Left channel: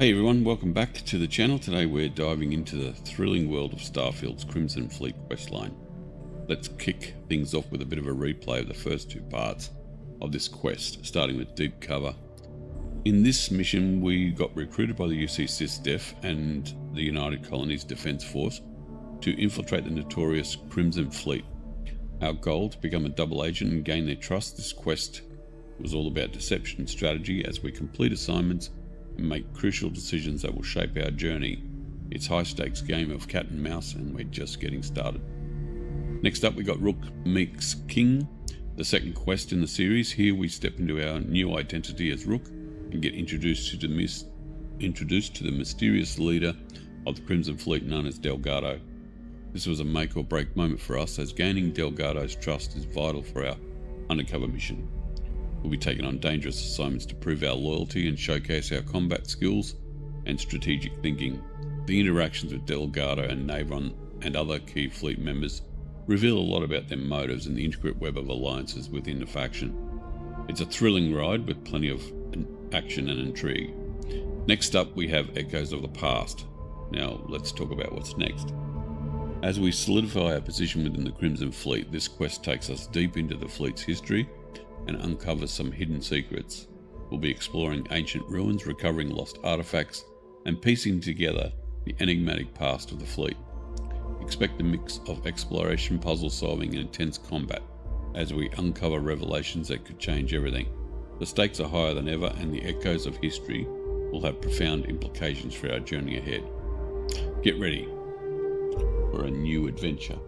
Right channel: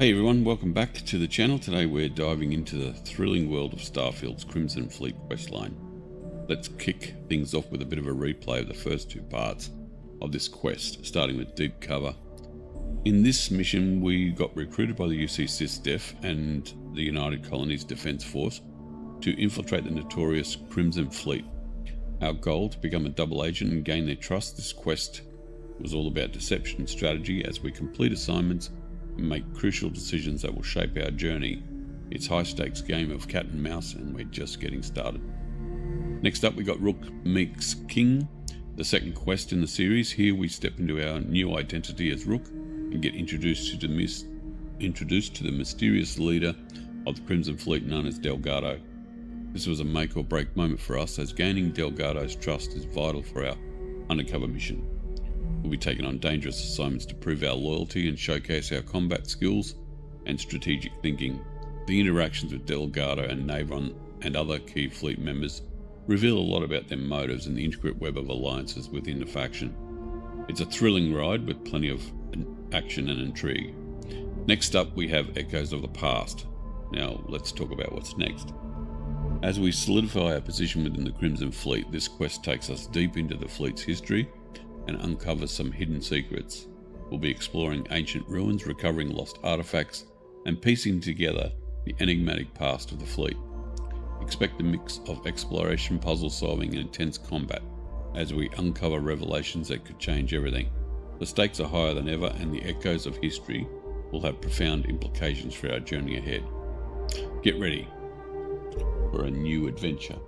Hey everyone, welcome back to the channel. Today we're diving into the thrilling world of Starfield's Crimson Fleet Questline. Let's kick things off with a bit of a replay of the first two parts of this quest, starting with Deep Cover. In this mission we got recruited by the UC SysDef and the United Colonies Defence Force to infiltrate the notorious Crimson Fleet. Our goal, to become a double agent and gain their trust. This quest was all about deception and strategy as we complete assignments and make crucial decisions that will shape our journey. It's a high-stakes game of cat and mouse, and we're just getting started. Next up, we got Rook Meets King, the second quest in the series. Here we step into our new identity as Rook and get introduced to the mysterious leader of the Crimson Fleet known as Delgado. This was a make or break moment for us, as gaining Delgado's trust is vital for our undercover mission. We'll be taking on dangerous assignments to prove our loyalty and showcase our combat skills and strategic thinking. The interactions with Delgado and Navron and other key fleet members reveal a lot about their motives and the intricate web of alliances within the faction. It's a thrilling ride with plenty of action and intrigue. Next up, we have Echoes of the Past. Now let's talk about what's next. As we solidify our position within the Crimson Fleet, this quest takes us deep into the fleet's history and uncovers some hidden secrets. We'll be exploring ancient ruins, recovering lost artifacts, and piecing together the enigmatic past of the fleet. Expect a mix of exploration, puzzle solving, and intense combat as we uncover revelations that could change everything. The stakes are higher than ever, and the echoes of history will have profound implications for our journey ahead. Get ready for a new adventure.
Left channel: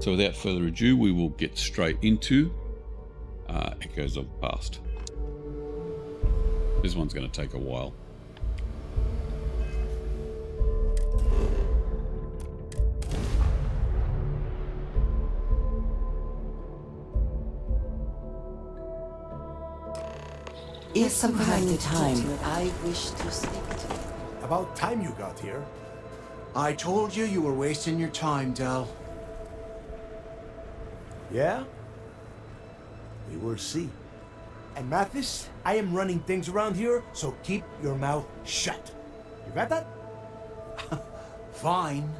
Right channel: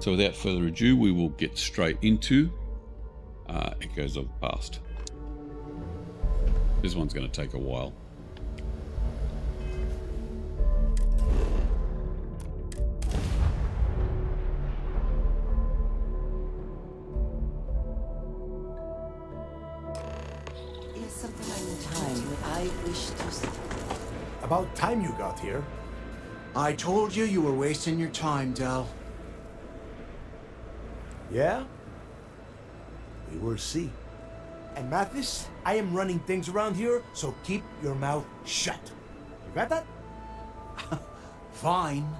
So without further ado, we will get straight into Echoes of the Past. This one's going to take a while. Is something like the time that I wish to say. About time you got here. I told you you were wasting your time, Del. Yeah? We will see. And Mathis, I am running things around here, so keep your mouth shut. You got that? Fine.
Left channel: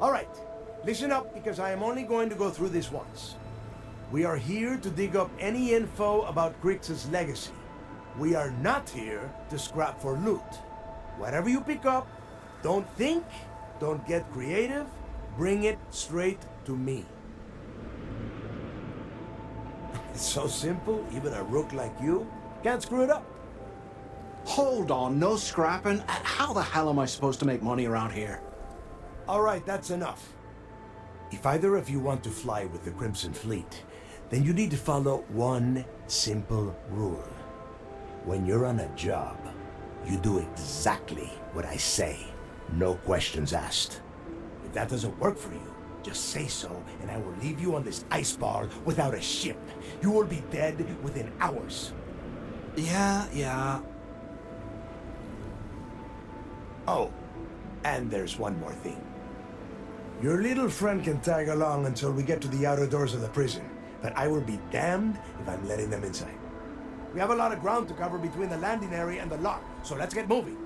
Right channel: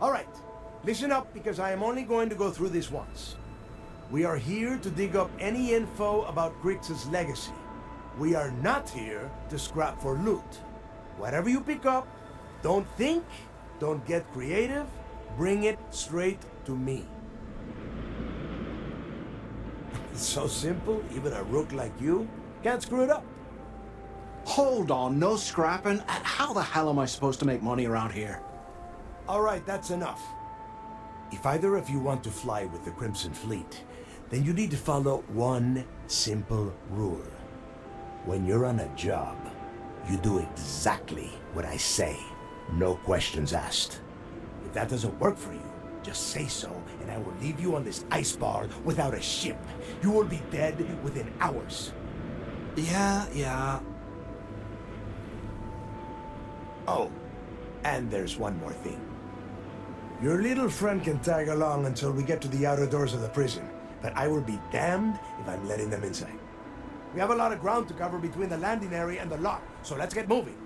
All right. Listen up, because I am only going to go through this once. We are here to dig up any info about Grix's legacy. We are not here to scrap for loot. Whatever you pick up, don't think, don't get creative, bring it straight to me. It's so simple, even a rook like you can't screw it up. Hold on, no scrapping. How the hell am I supposed to make money around here? All right, that's enough. If either of you want to fly with the Crimson Fleet, then you need to follow one simple rule. When you're on a job, you do exactly what I say. No questions asked. If that doesn't work for you, just say so, and I will leave you on this ice bar without a ship. You will be dead within hours. Yeah. Oh, and there's one more thing. Your little friend can tag along until we get to the outer doors of the prison, but I will be damned if I'm letting them inside. We have a lot of ground to cover between the landing area and the lock, so let's get moving.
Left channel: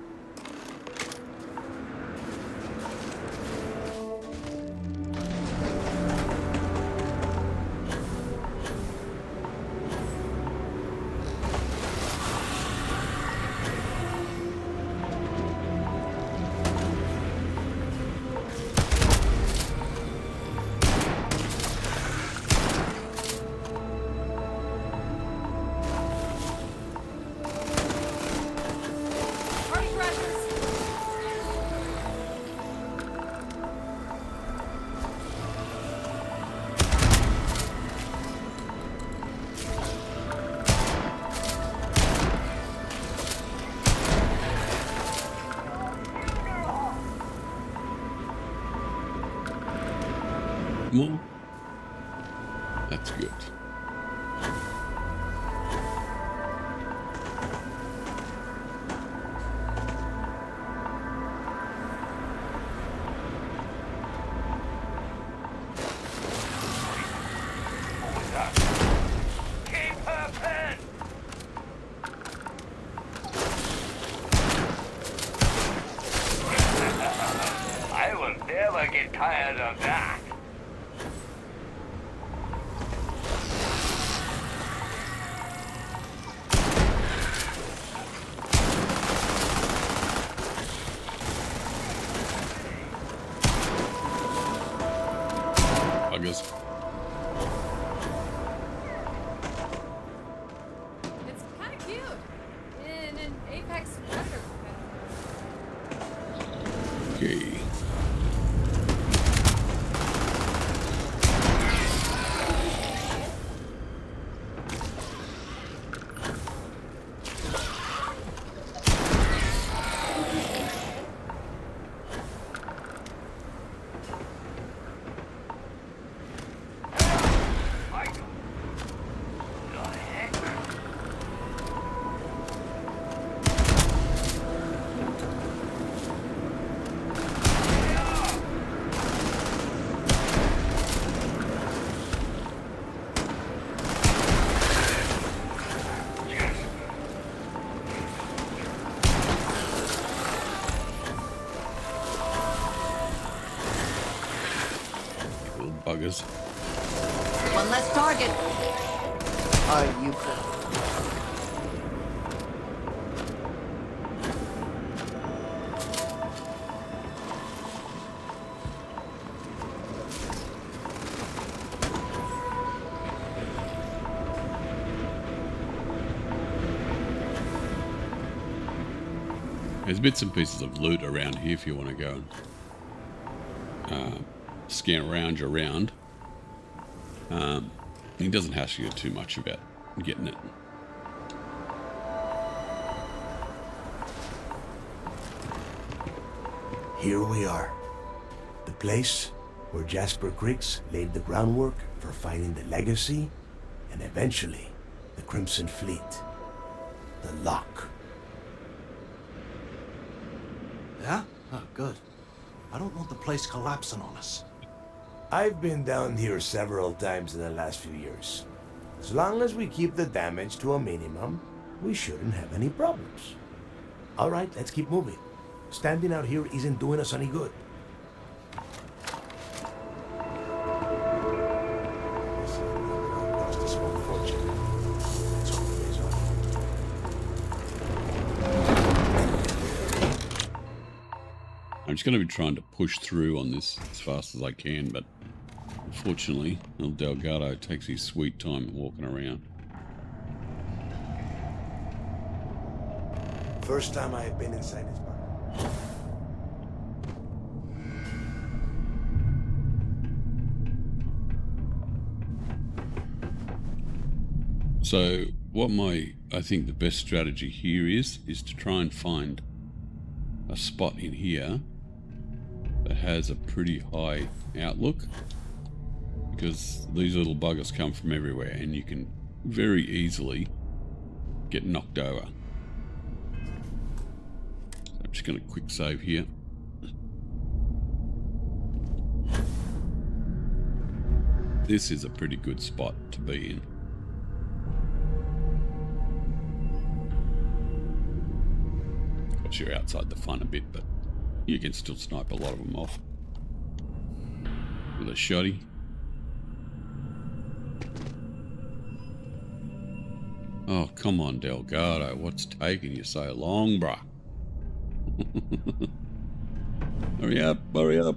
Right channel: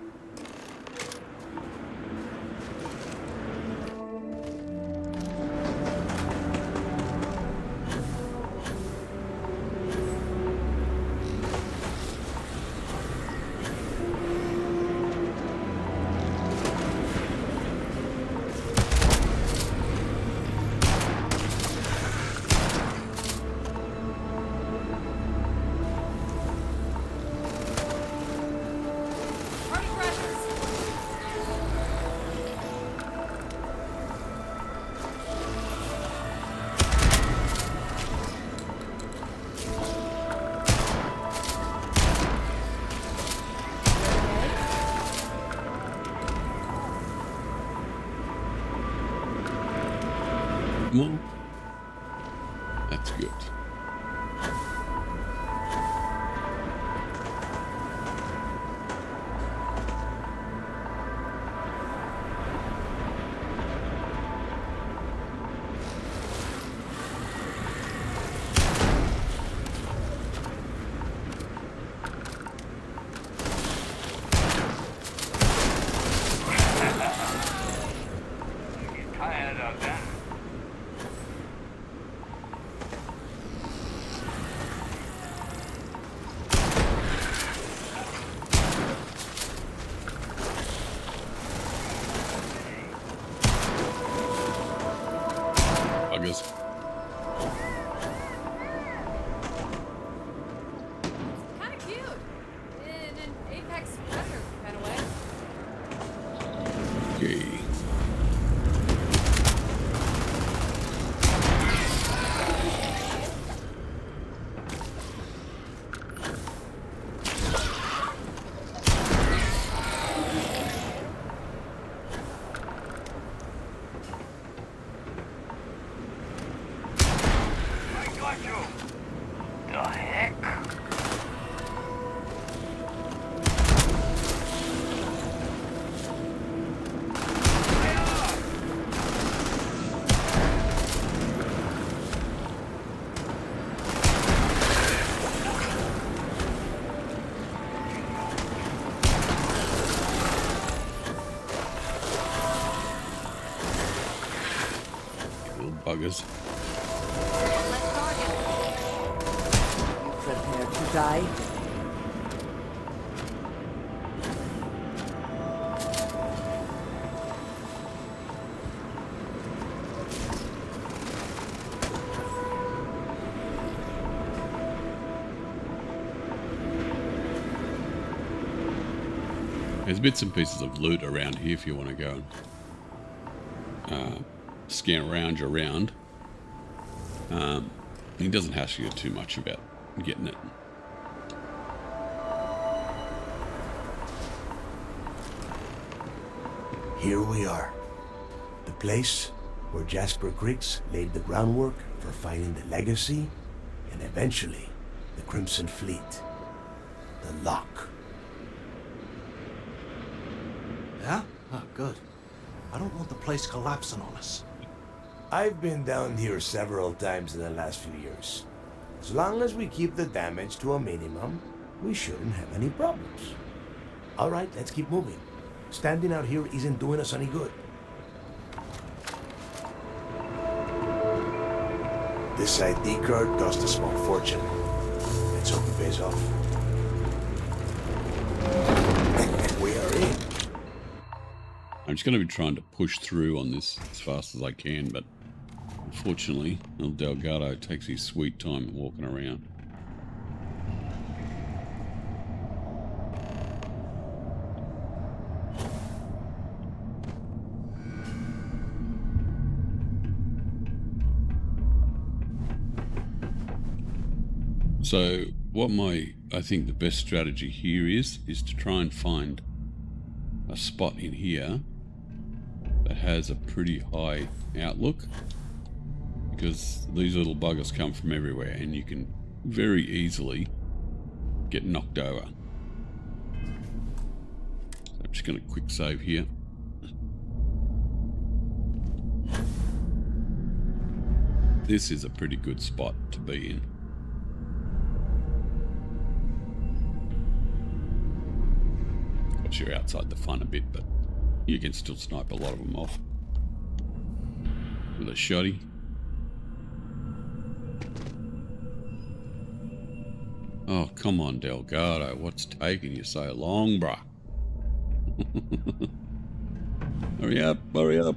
More? That's good. tired of that. Buggers. It's kind of cute. In an apex predator kind of way. Okay. I got you. The heck? Little buggers. One less target. Are you prepared to die? There's bits and pieces of loot around here if you want to go and scan around your round. He doesn't hassle you too much about getting it. Here we are. The place where Jasper Griggs laid the groundwork for finding the legacy and eventually the Crimson Fleet. The lock. Yeah? Oh, good. I don't want the place collapsing on us. I've been down here several times in the last few years. As long as we keep the damage to a minimum, we shouldn't have any problems. All right, let's keep moving. Standing out here isn't doing us any good. This ID card cost a small fortune. Let's hope it pays off. We are in. I'm just going to be trying to push through on this as fast as I can, but unfortunately, El Delgado takes his sweet time walking around. First time I have been inside this bar. So what I think the best strategy here is to try and find a spot in here that has a pretty high outlook, because these little buggers come from everywhere and you can very easily get knocked over. So I'm just going to quick save here. This is a pretty good spot to be in. You're outside the fun a bit, but you can still snipe a lot of them off with a shotty. Oh, come on, Delgado. What's taking you so long, bruh? Hurry up, hurry up.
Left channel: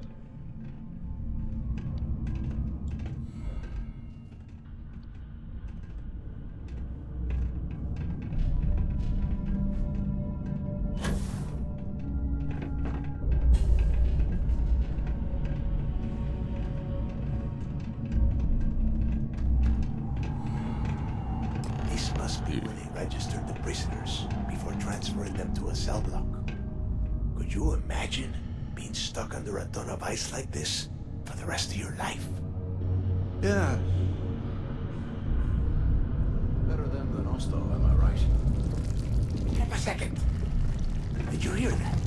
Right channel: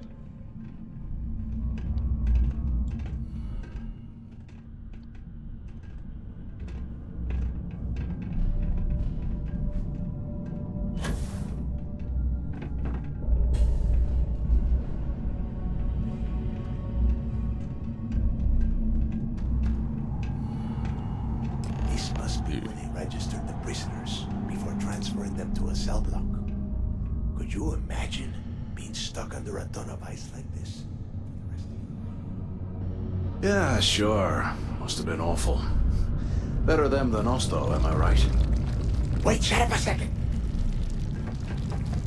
This must be where they registered the prisoners before transferring them to a cell block. Could you imagine being stuck under a ton of ice like this for the rest of your life? Yeah, sure. Must have been awful. Better them than us, though, am I right? Wait, shut up a second. Did you hear that?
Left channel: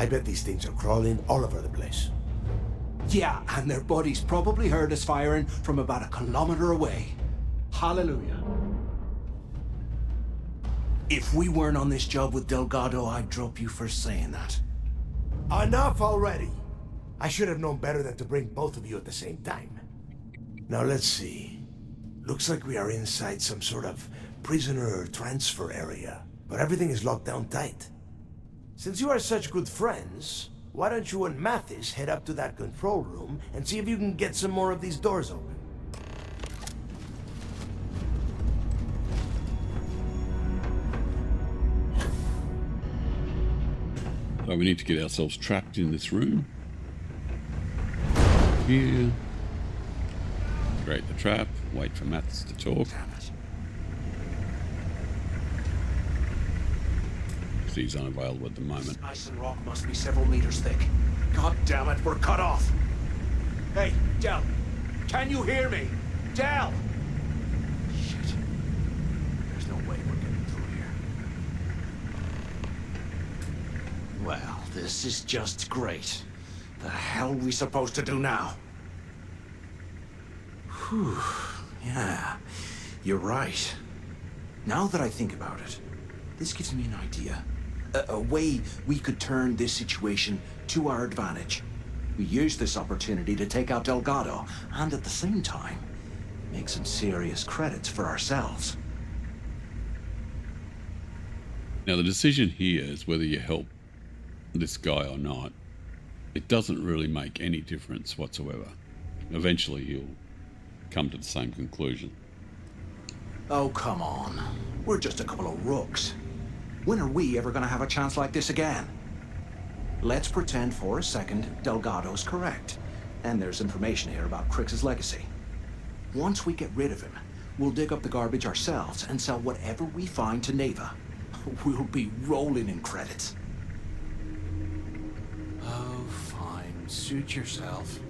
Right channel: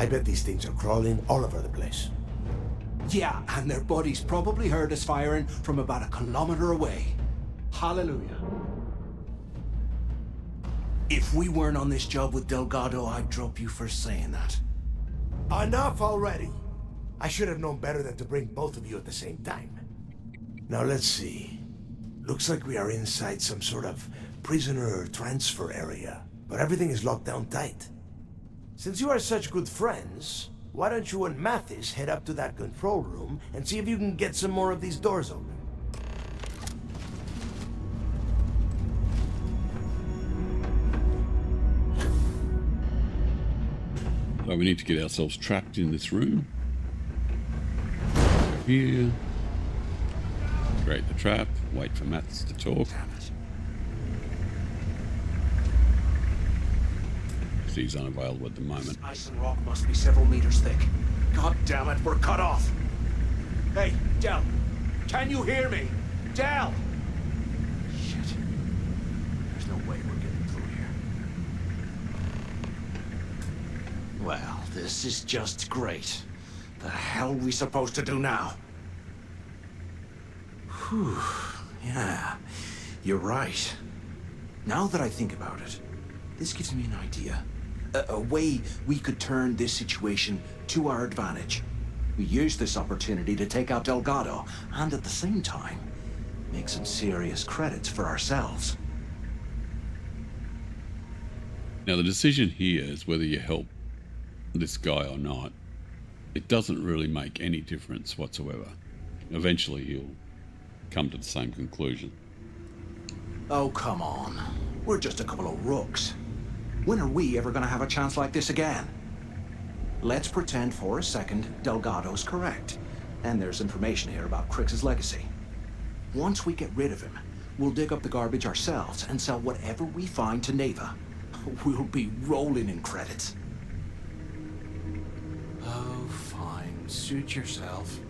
I bet these things are crawling all over the place. Yeah, and their buddies probably heard us firing from about 1 kilometer away. Hallelujah. If we weren't on this job with Delgado, I'd drop you for saying that. Enough already! I should have known better than to bring both of you at the same time. Now let's see. Looks like we are inside some sort of prisoner transfer area, but everything is locked down tight. Since you are such good friends, why don't you and Mathis head up to that control room and see if you can get some more of these doors open? So we need to get ourselves trapped in this room. Here. Create the trap. Wait for Mathis to talk. He's unavailable at the moment. Ice and rock must be several meters thick. God damn it, we're cut off. Hey, Del, can you hear me? Del! Shit. There's no way we're getting through here. Well, this is just great. The hell are we supposed to do now? Whew. Yeah, you're right. Now that I think about it, this gives me an idea. A way we could turn this situation to our advantage. We use this opportunity to take out Delgado, and at the same time, make some serious credits for ourselves. Now the decision here is whether you help this guy or not. It doesn't really make any difference whatsoever. Eventually he'll come to the same conclusion. Oh, come on. We're just a couple of rooks. When are we ever gonna have a chance like this again? Let's pretend for a second Delgado's correct, and there's information here about Crix's legacy. Once we get rid of him, we'll dig up the garbage ourselves and sell whatever we find to Neva. We'll be rolling in credits. Oh, fine. Suit yourself.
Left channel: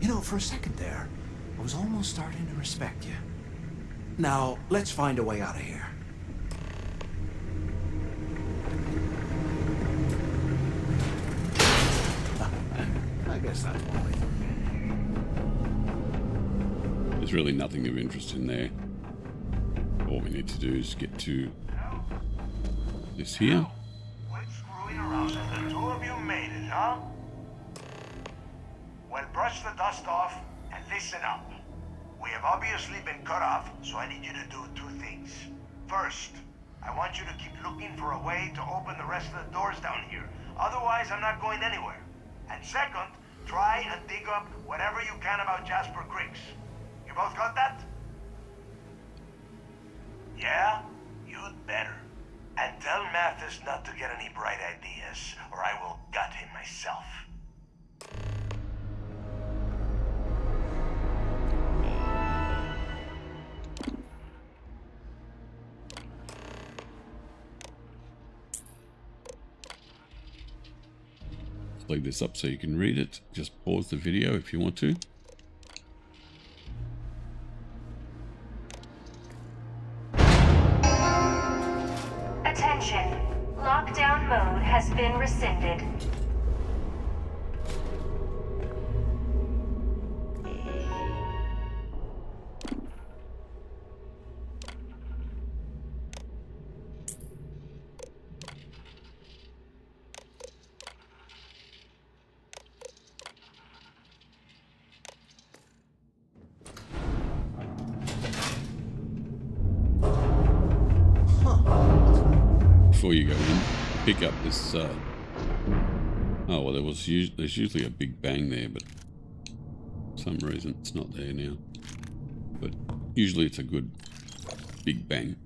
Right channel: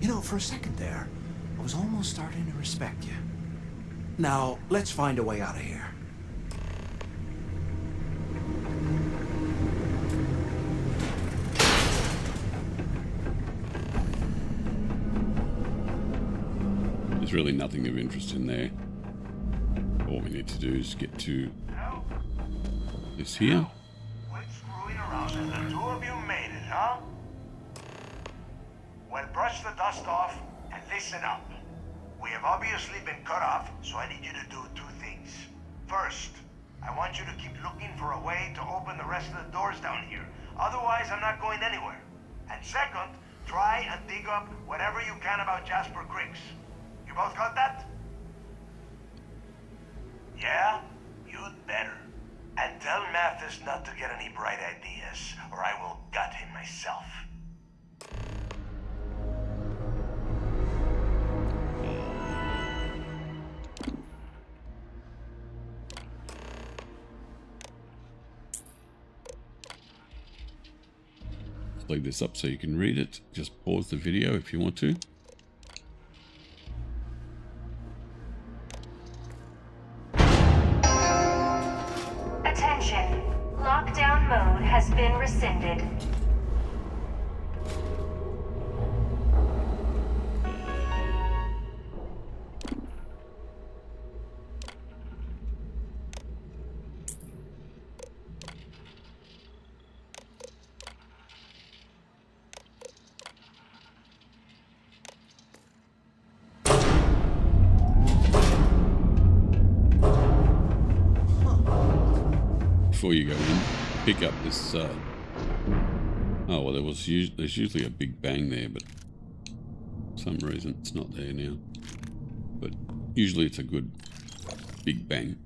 You know, for a second there, I was almost starting to respect you. Now, let's find a way out of here. There's really nothing of interest in there. All we need to do is get to this here. Quit screwing around and the two of you made it, huh? Well, brush the dust off and listen up. We have obviously been cut off, so I need you to do two things. First, I want you to keep looking for a way to open the rest of the doors down here. Otherwise, I'm not going anywhere. And second, try and dig up whatever you can about Jasper Crix. You both got that? Yeah? You'd better. And tell Mathis not to get any bright ideas, or I will gut him myself. Leave this up so you can read it. Just pause the video if you want to. Attention. Lockdown mode has been rescinded. Before you go in, pick up this. Oh well, there's usually a big bang there, but for some reason it's not there now. But usually it's a good big bang.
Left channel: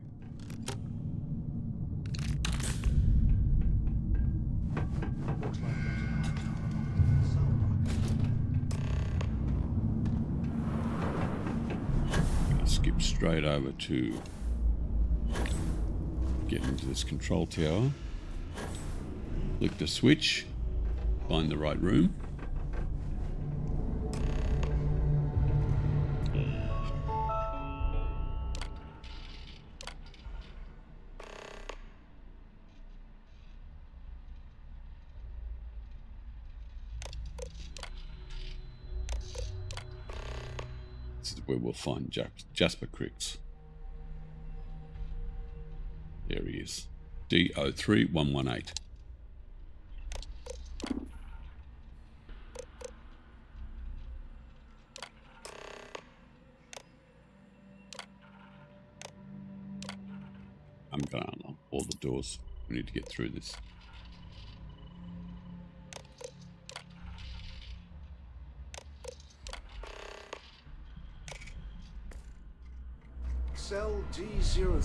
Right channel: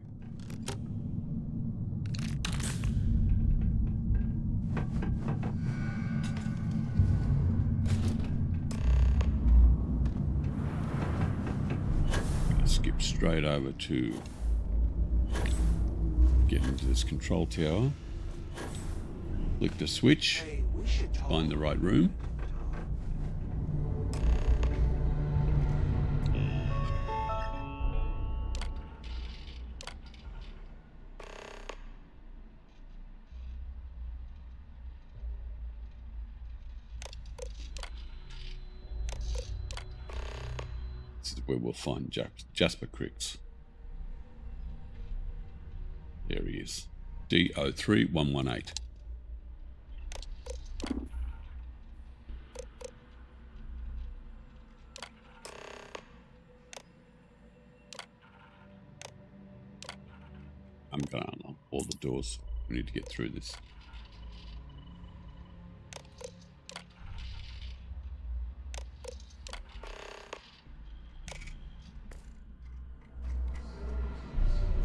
Skip straight over to get into this control tower, click the switch, find the right room. where we'll find Jasper Cricks. There he is. D03118. I'm going to unlock all the doors. We need to get through this. Cell D03118.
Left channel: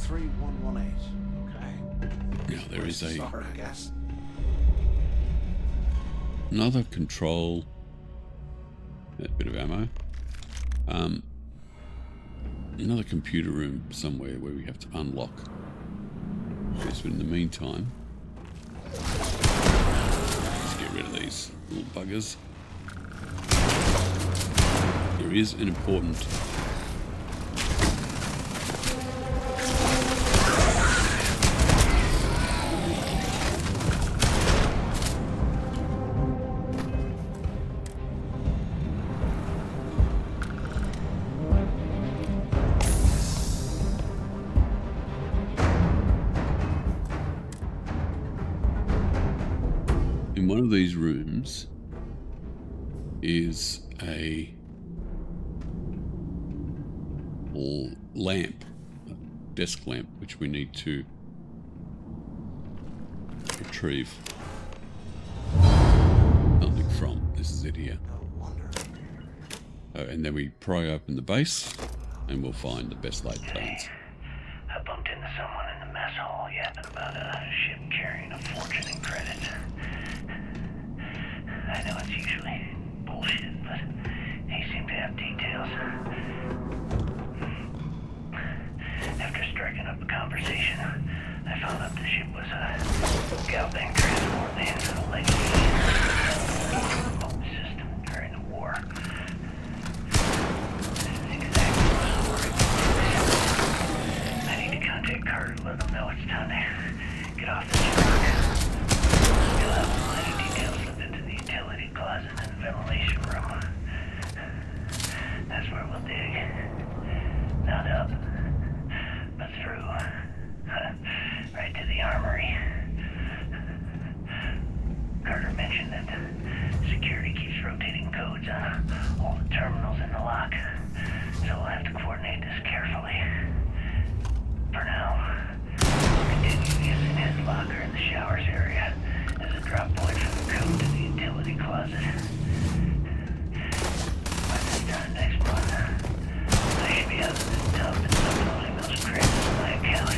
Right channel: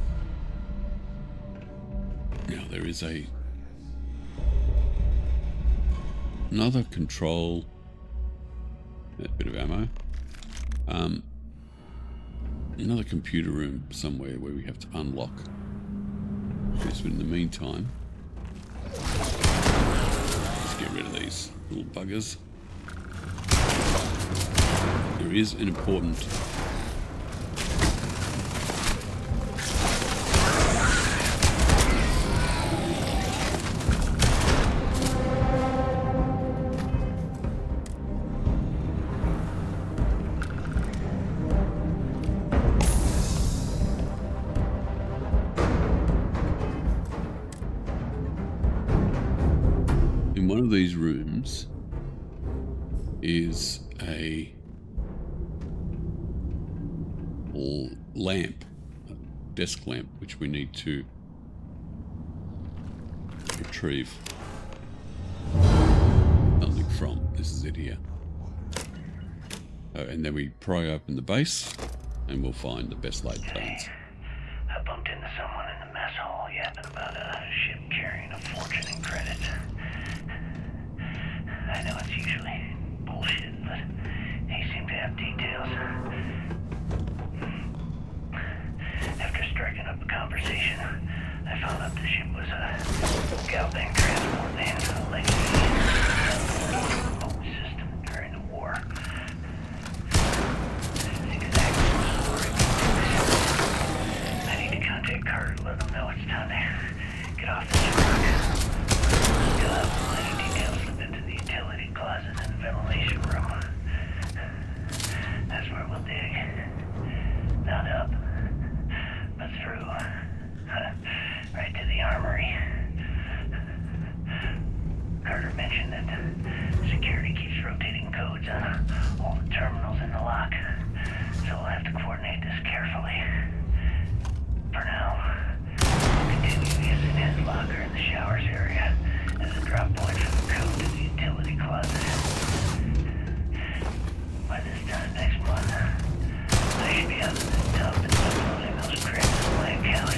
Okay. Now there is Sorry, I guess. another control. A bit of ammo. Another computer room somewhere where we have to unlock this, but in the meantime, let's get rid of these little buggers. There is an important in one of these rooms is a lamp, a desk lamp, which we need to retrieve something from. This is it here. Oh, and then we pry open the base and we'll find the best laid plans. I bumped into someone in the mess hall yapping about a ship carrying a fortune in credit. I know it's usually bullshit, but he seemed to have details. After striking up a conversation, I found out the ship was a Galbank transport and a legacy remote system during the war. This is exactly the story. I need to contact Carter to let him know it's time to get off this rock. Still have some minor details slipped into the utility closet and ventilation room. That's where we'll dig. Not up, but through. Right to the armory. Carter mentioned that security keeps rotating codes on all the terminals in the lock, so we'll have to coordinate this carefully. For now, we'll continue using his locker in the showers area as a drop point for the code to the utility closet. By this time next month, I should be out of this tub and uploading those credits to my account.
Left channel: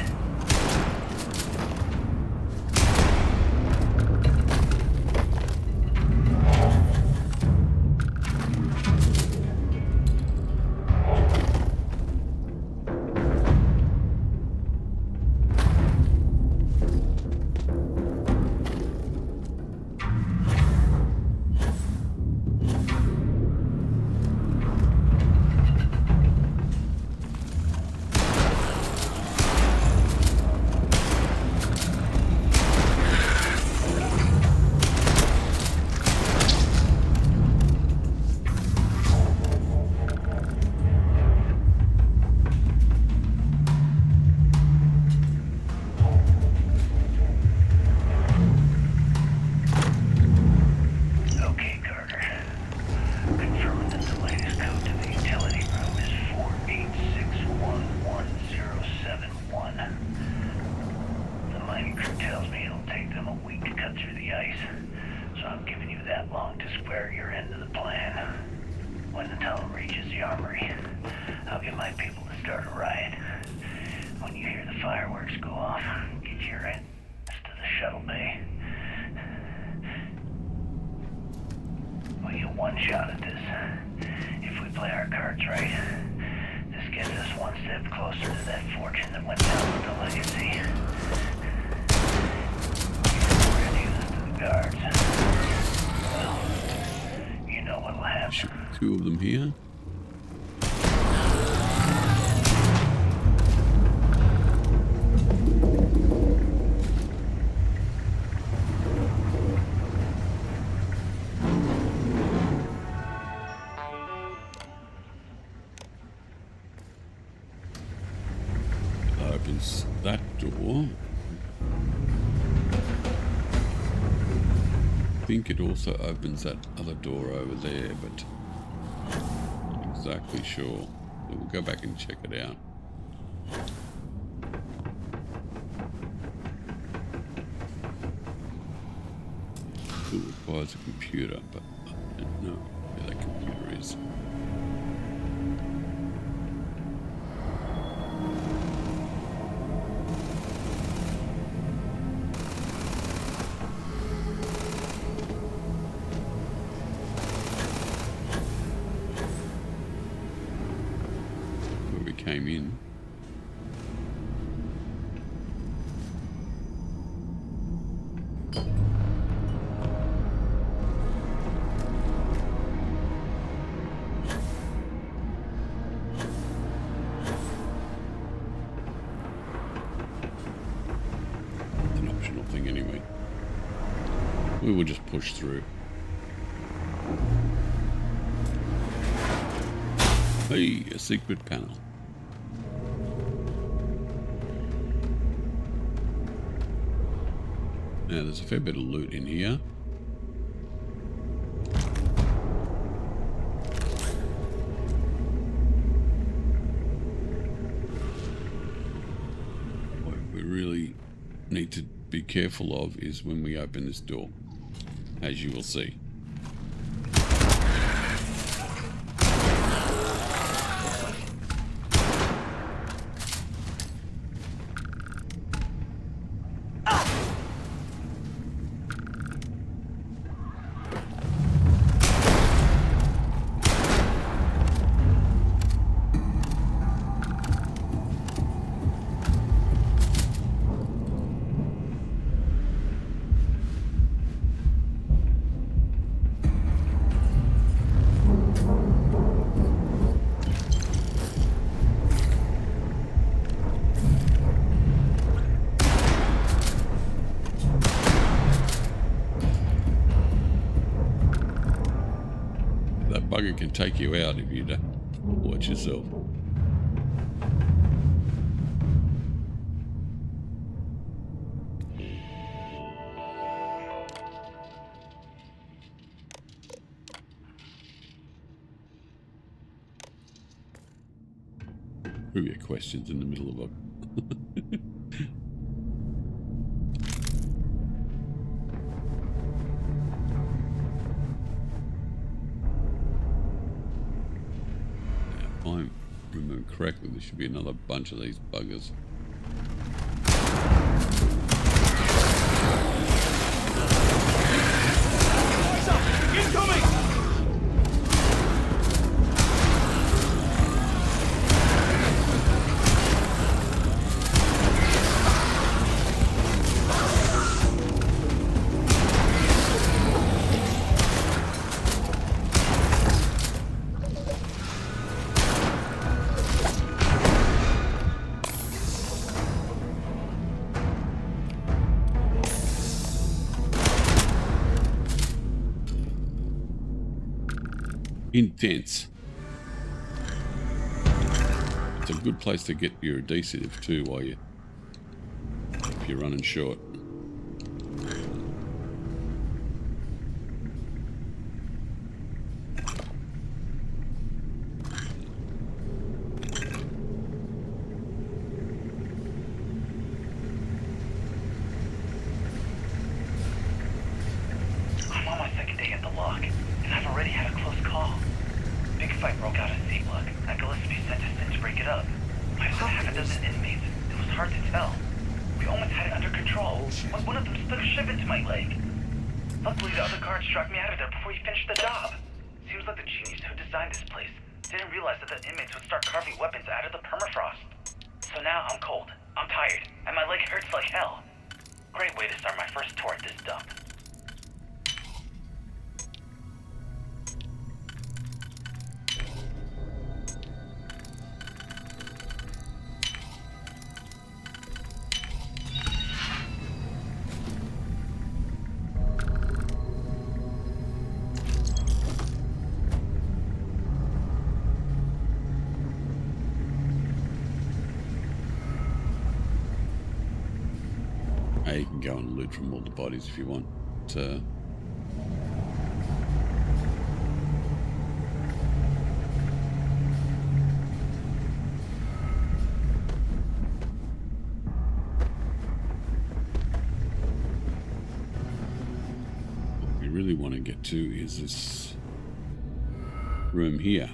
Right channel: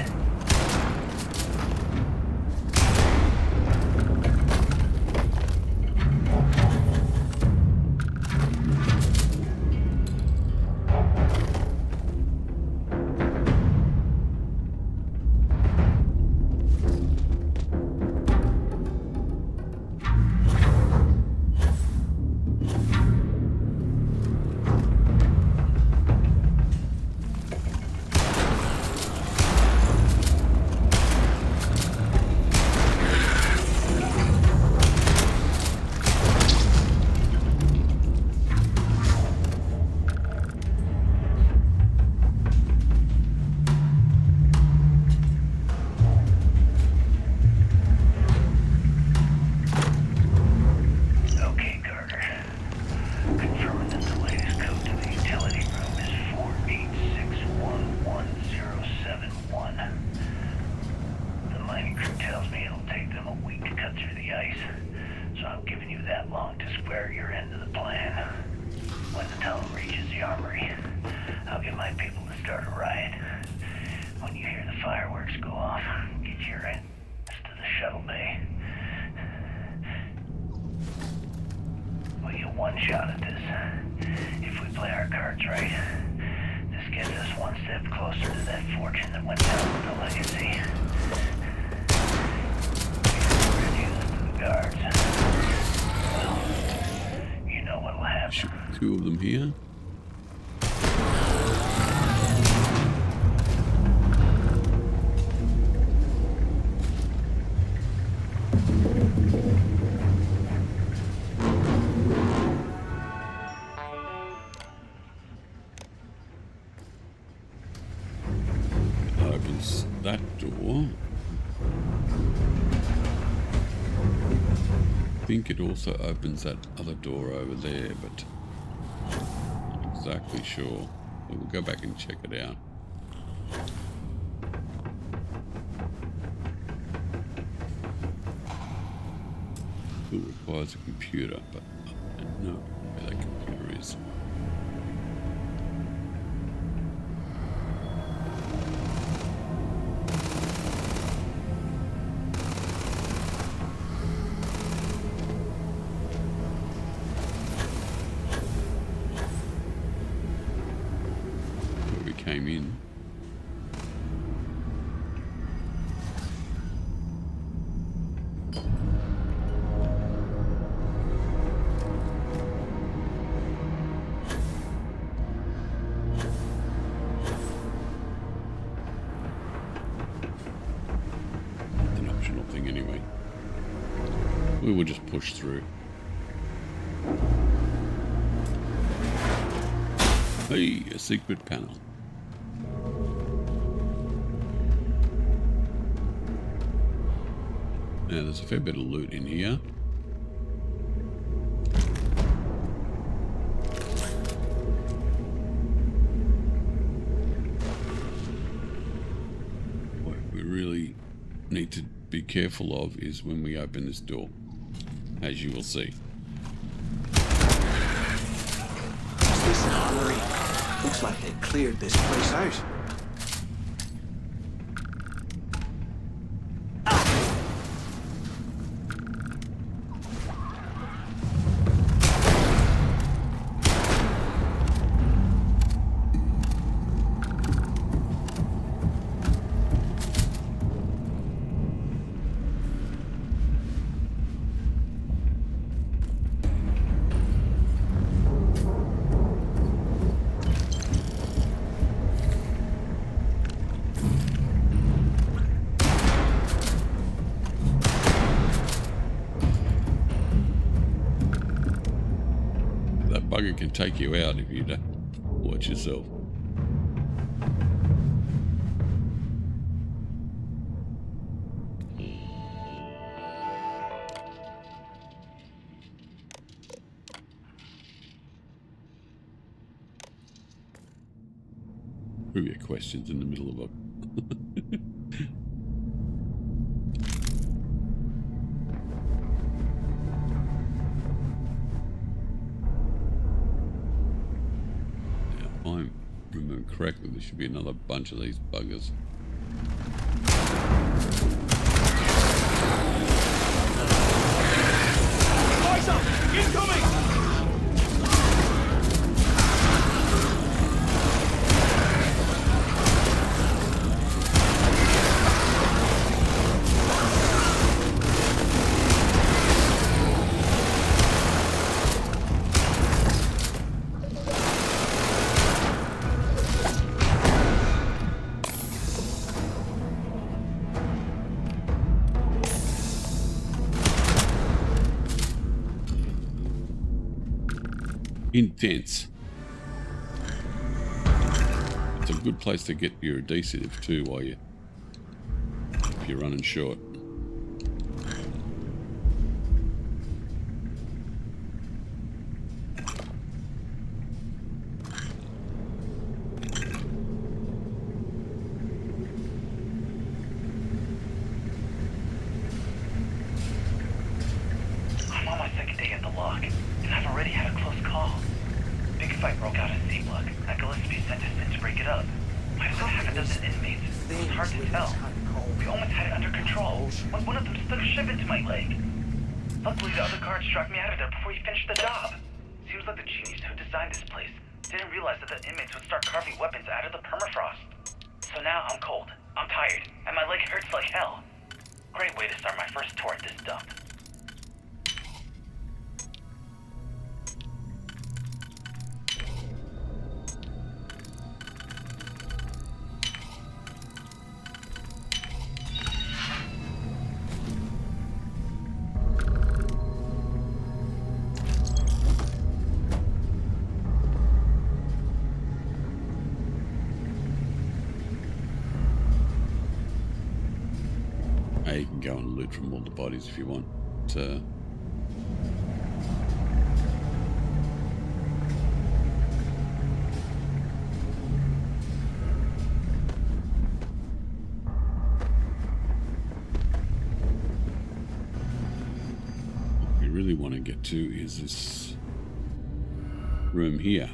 Two of them here. opens that door. I think it also opens that other door over there, but not exactly sure. So we'll go back and check it out. Still requires a computer, but I don't know where that computer is. Where we came in. Thing anyway. We will just push through. Hey, a secret panel. Now there's a fair bit of loot in here. What we really need to be careful of is when we open this door, as you will see. Looks like they cleared this place out. Bugger can take you out if you don't watch yourself. Trivia questions in the middle of a I remember correctly, there should be another bunch of these buggers. Eyes up! Incoming! Intense. It's a good place to get your adhesive too while if you're running short. I'm on my second day at the lock, and I've already had a close call. Big fight broke out at C-Block. I Gillespie sent us in to break it up. Might have been half a dozen inmates. It was hard to tell. We almost had it under control when one of them stuck a ship into my leg. Luckily, the other guard struck me out of there before he finished the job. Seems like the genius who designed this place didn't realize that the inmates would start carving weapons out of the permafrost. So now I'm cold, I'm tired, and my leg hurts like hell. Great way to start my first tour at this dump. You can go and loot from all the bodies if you want. What we really want to get to is this room here.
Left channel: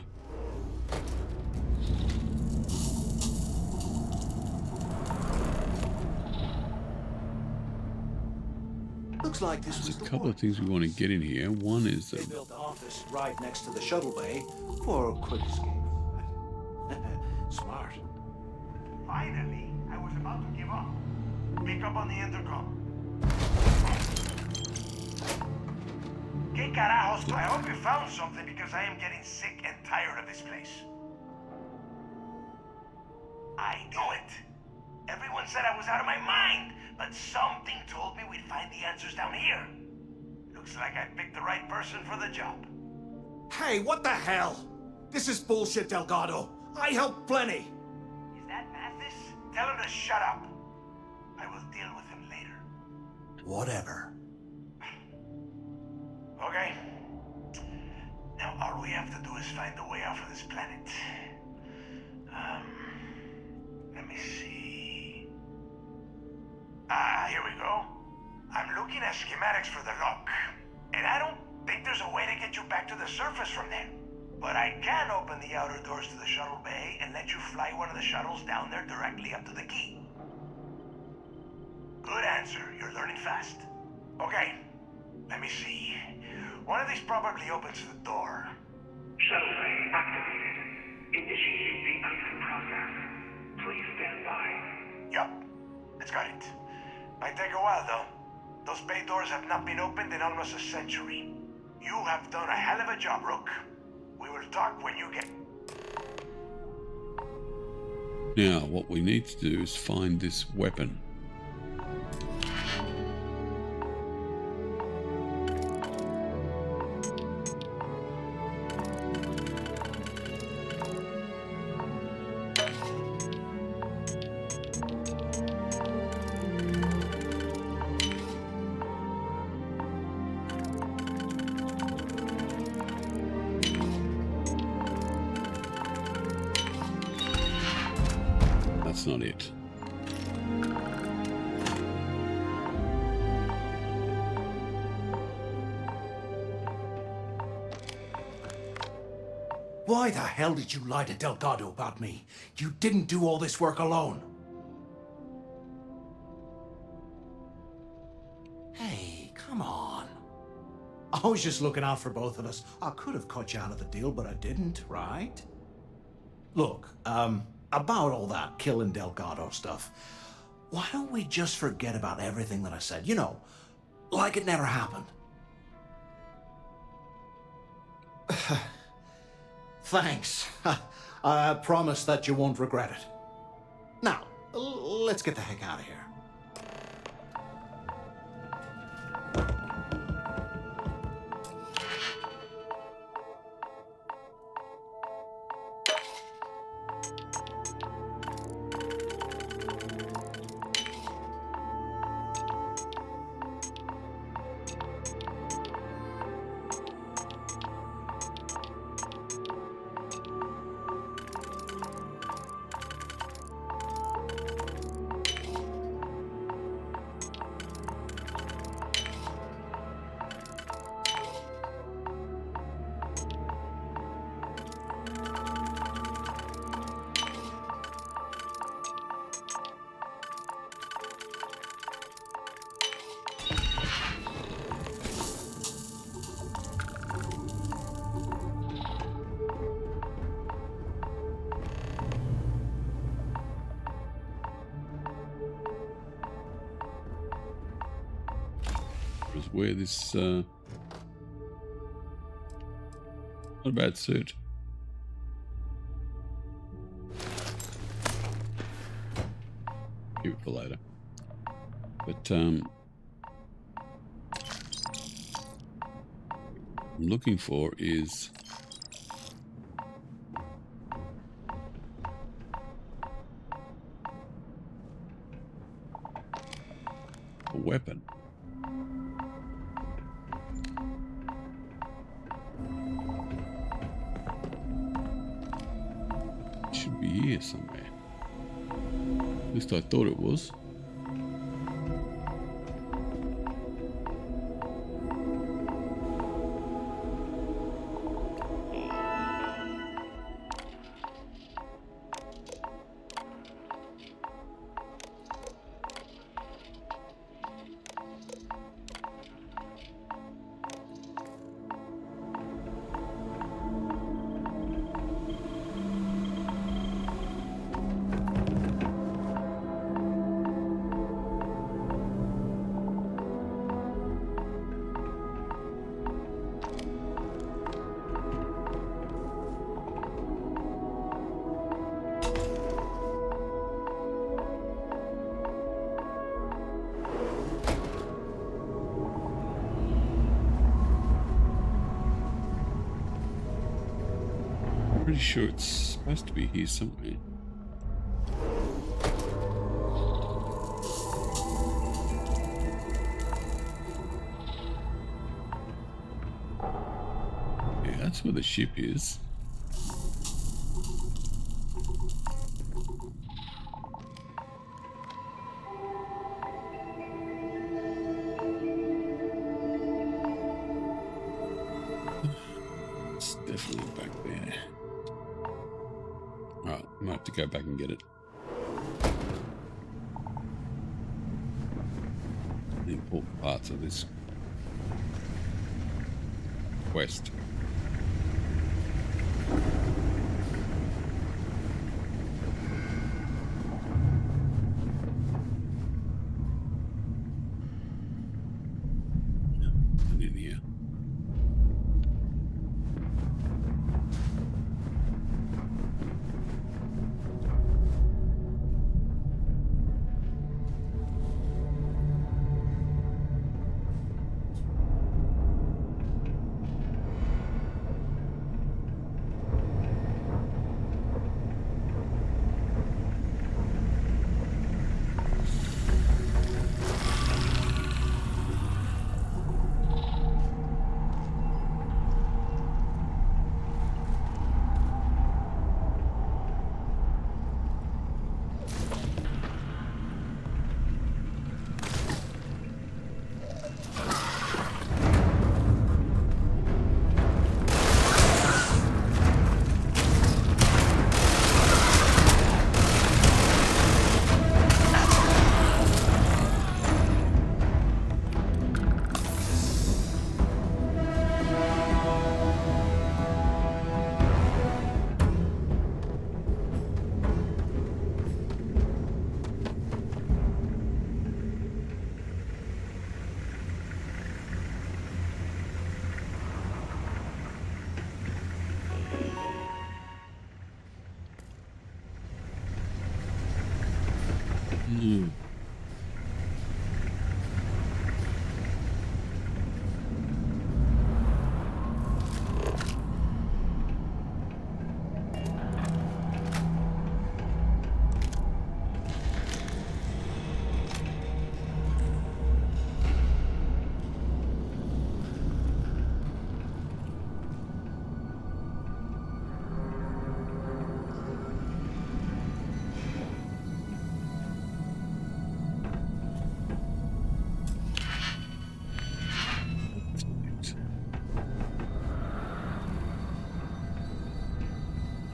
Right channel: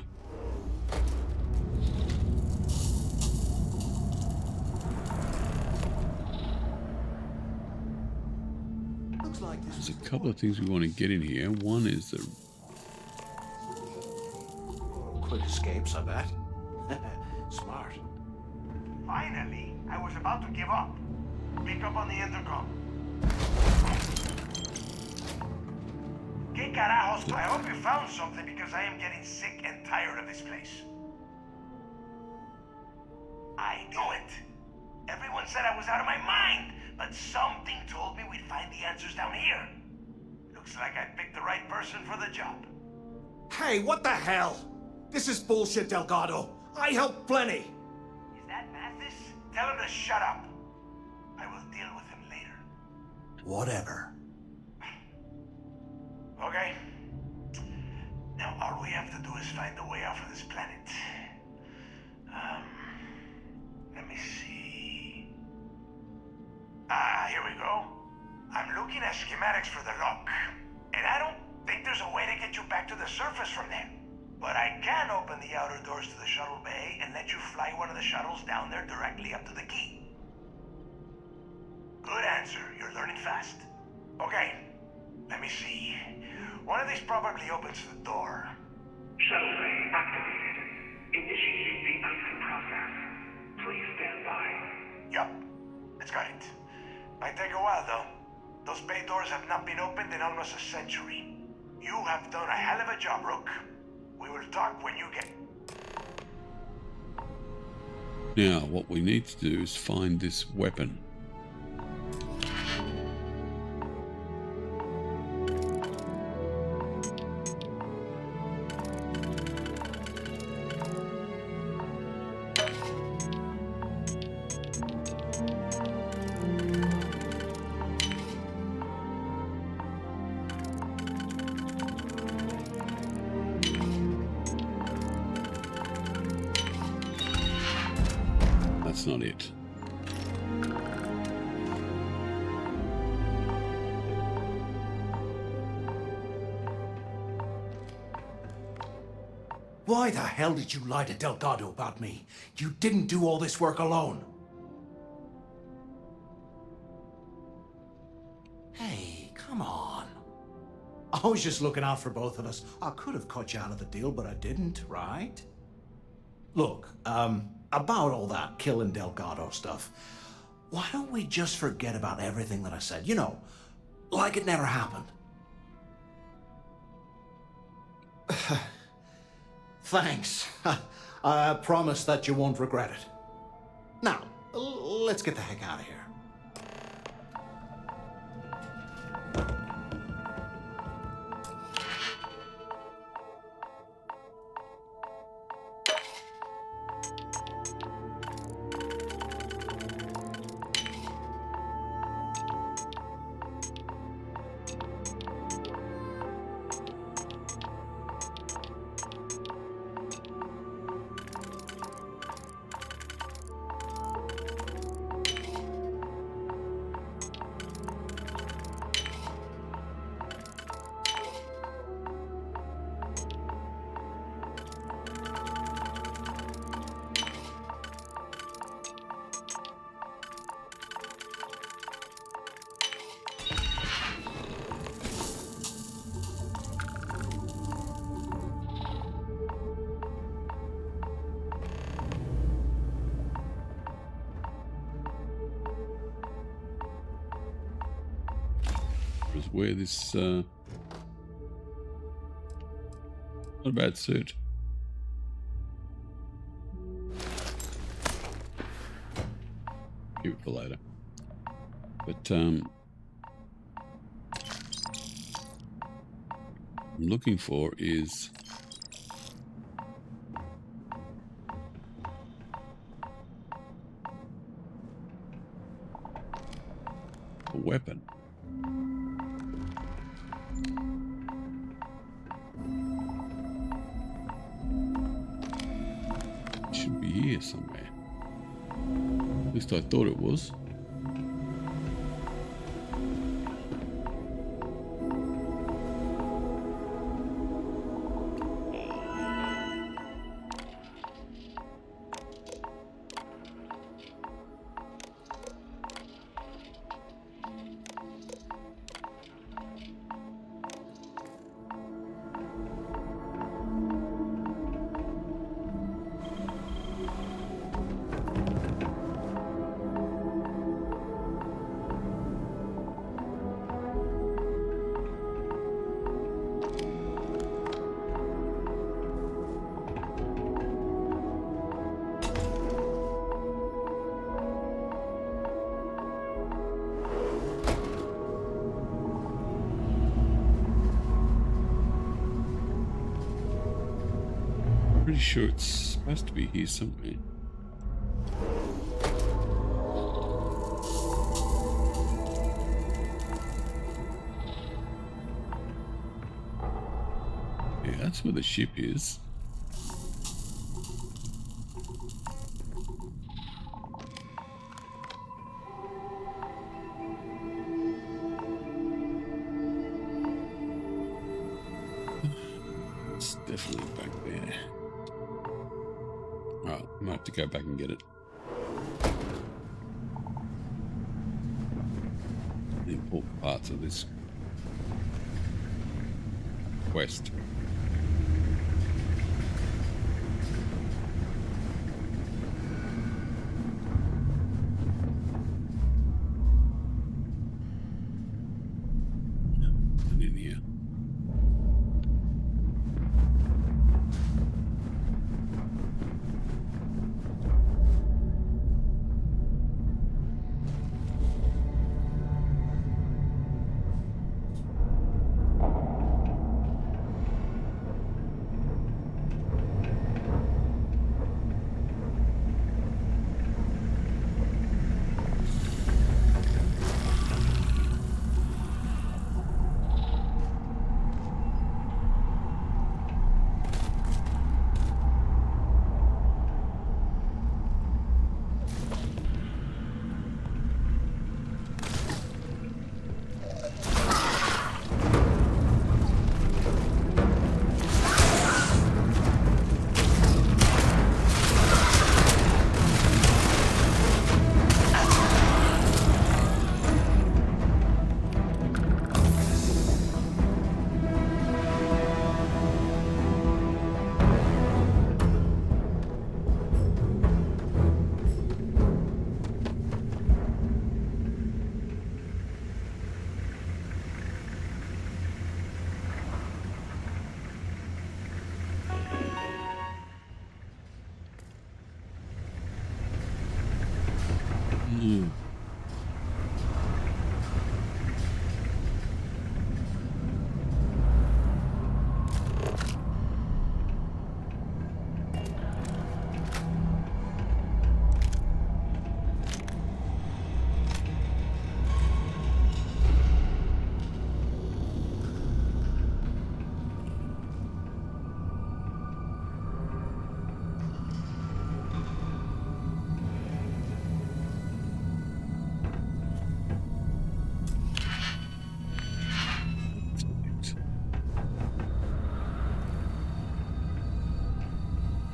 Looks like this There's was a the couple one. of things we want to get in here. One is the Built the office right next to the shuttle bay for quick escapes, I bet. Smart. Finally, I was about to give up. Pick up on the intercom. Que carajos, I hope you found something because I am getting sick and tired of this place. I knew it. Everyone said I was out of my mind, but something told me we'd find the answers down here. Looks like I picked the right person for the job. Hey, what the hell? This is bullshit, Delgado. I helped plenty. Is that Mathis? Tell him to shut up. I will deal with him later. Whatever. Okay. Now all we have to do is find a way off of this planet. Let me see. Here we go. I'm looking at schematics for the lock. And I don't think there's a way to get you back to the surface from there. But I can open the outer doors to the shuttle bay and let you fly one of the shuttles down there directly up to the key. Good answer. You're learning fast. Okay. Let me see. One of these probably opens the door. Shuttle bay activated. Initiating the icing process. Please stand by. Yup. That's got it. Might take a while, though. Those bay doors have not been opened in almost a century. You have done a hell of a job, Rook. We will talk when you get... Now, what we need to do is find this weapon. That's not it. Why the hell did you lie to Delgado about me? You didn't do all this work alone. Hey, come on. I was just looking out for both of us. I could have cut you out of the deal, but I didn't, right? Look, about all that killing Delgado stuff, why don't we just forget about everything that I said? You know, like it never happened. Thanks. I promise that you won't regret it. Now, let's get the heck out of here. Where this not a bad suit. Keep it for later. But I'm looking for is a weapon. It should be here somewhere. At least I thought it was. Pretty sure it's supposed to be here somewhere. Yeah, that's where the ship is. It's definitely back there. Alright, I might have to go back and get it. The important parts of this quest. And in here.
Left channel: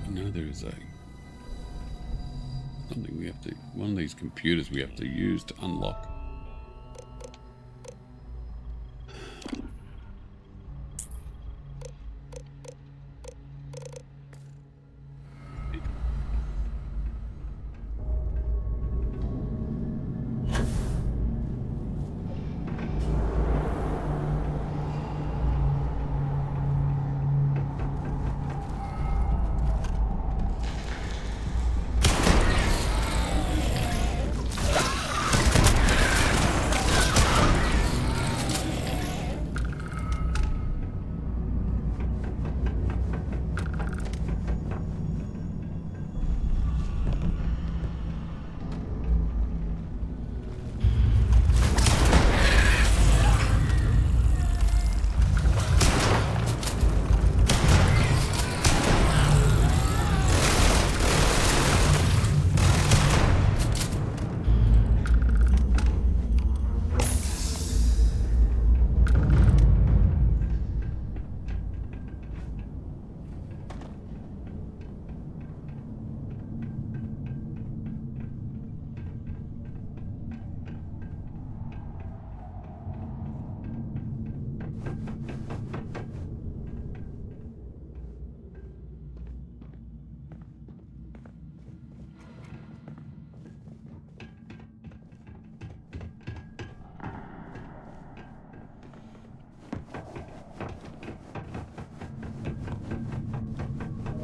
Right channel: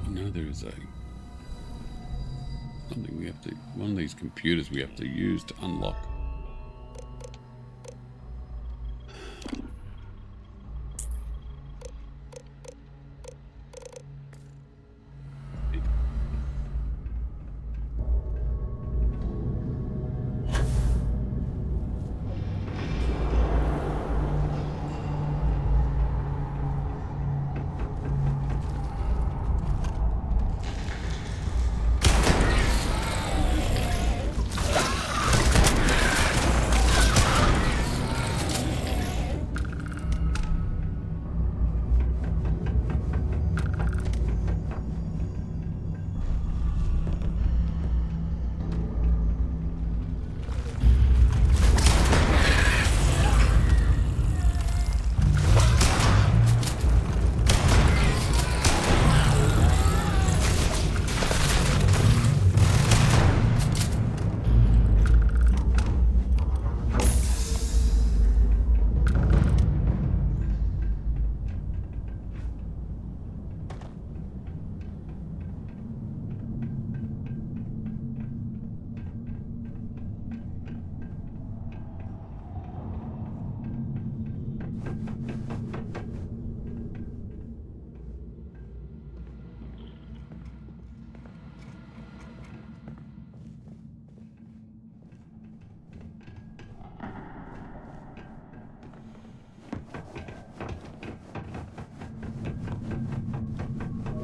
No, there is something we have to, one of these computers we have to use to unlock.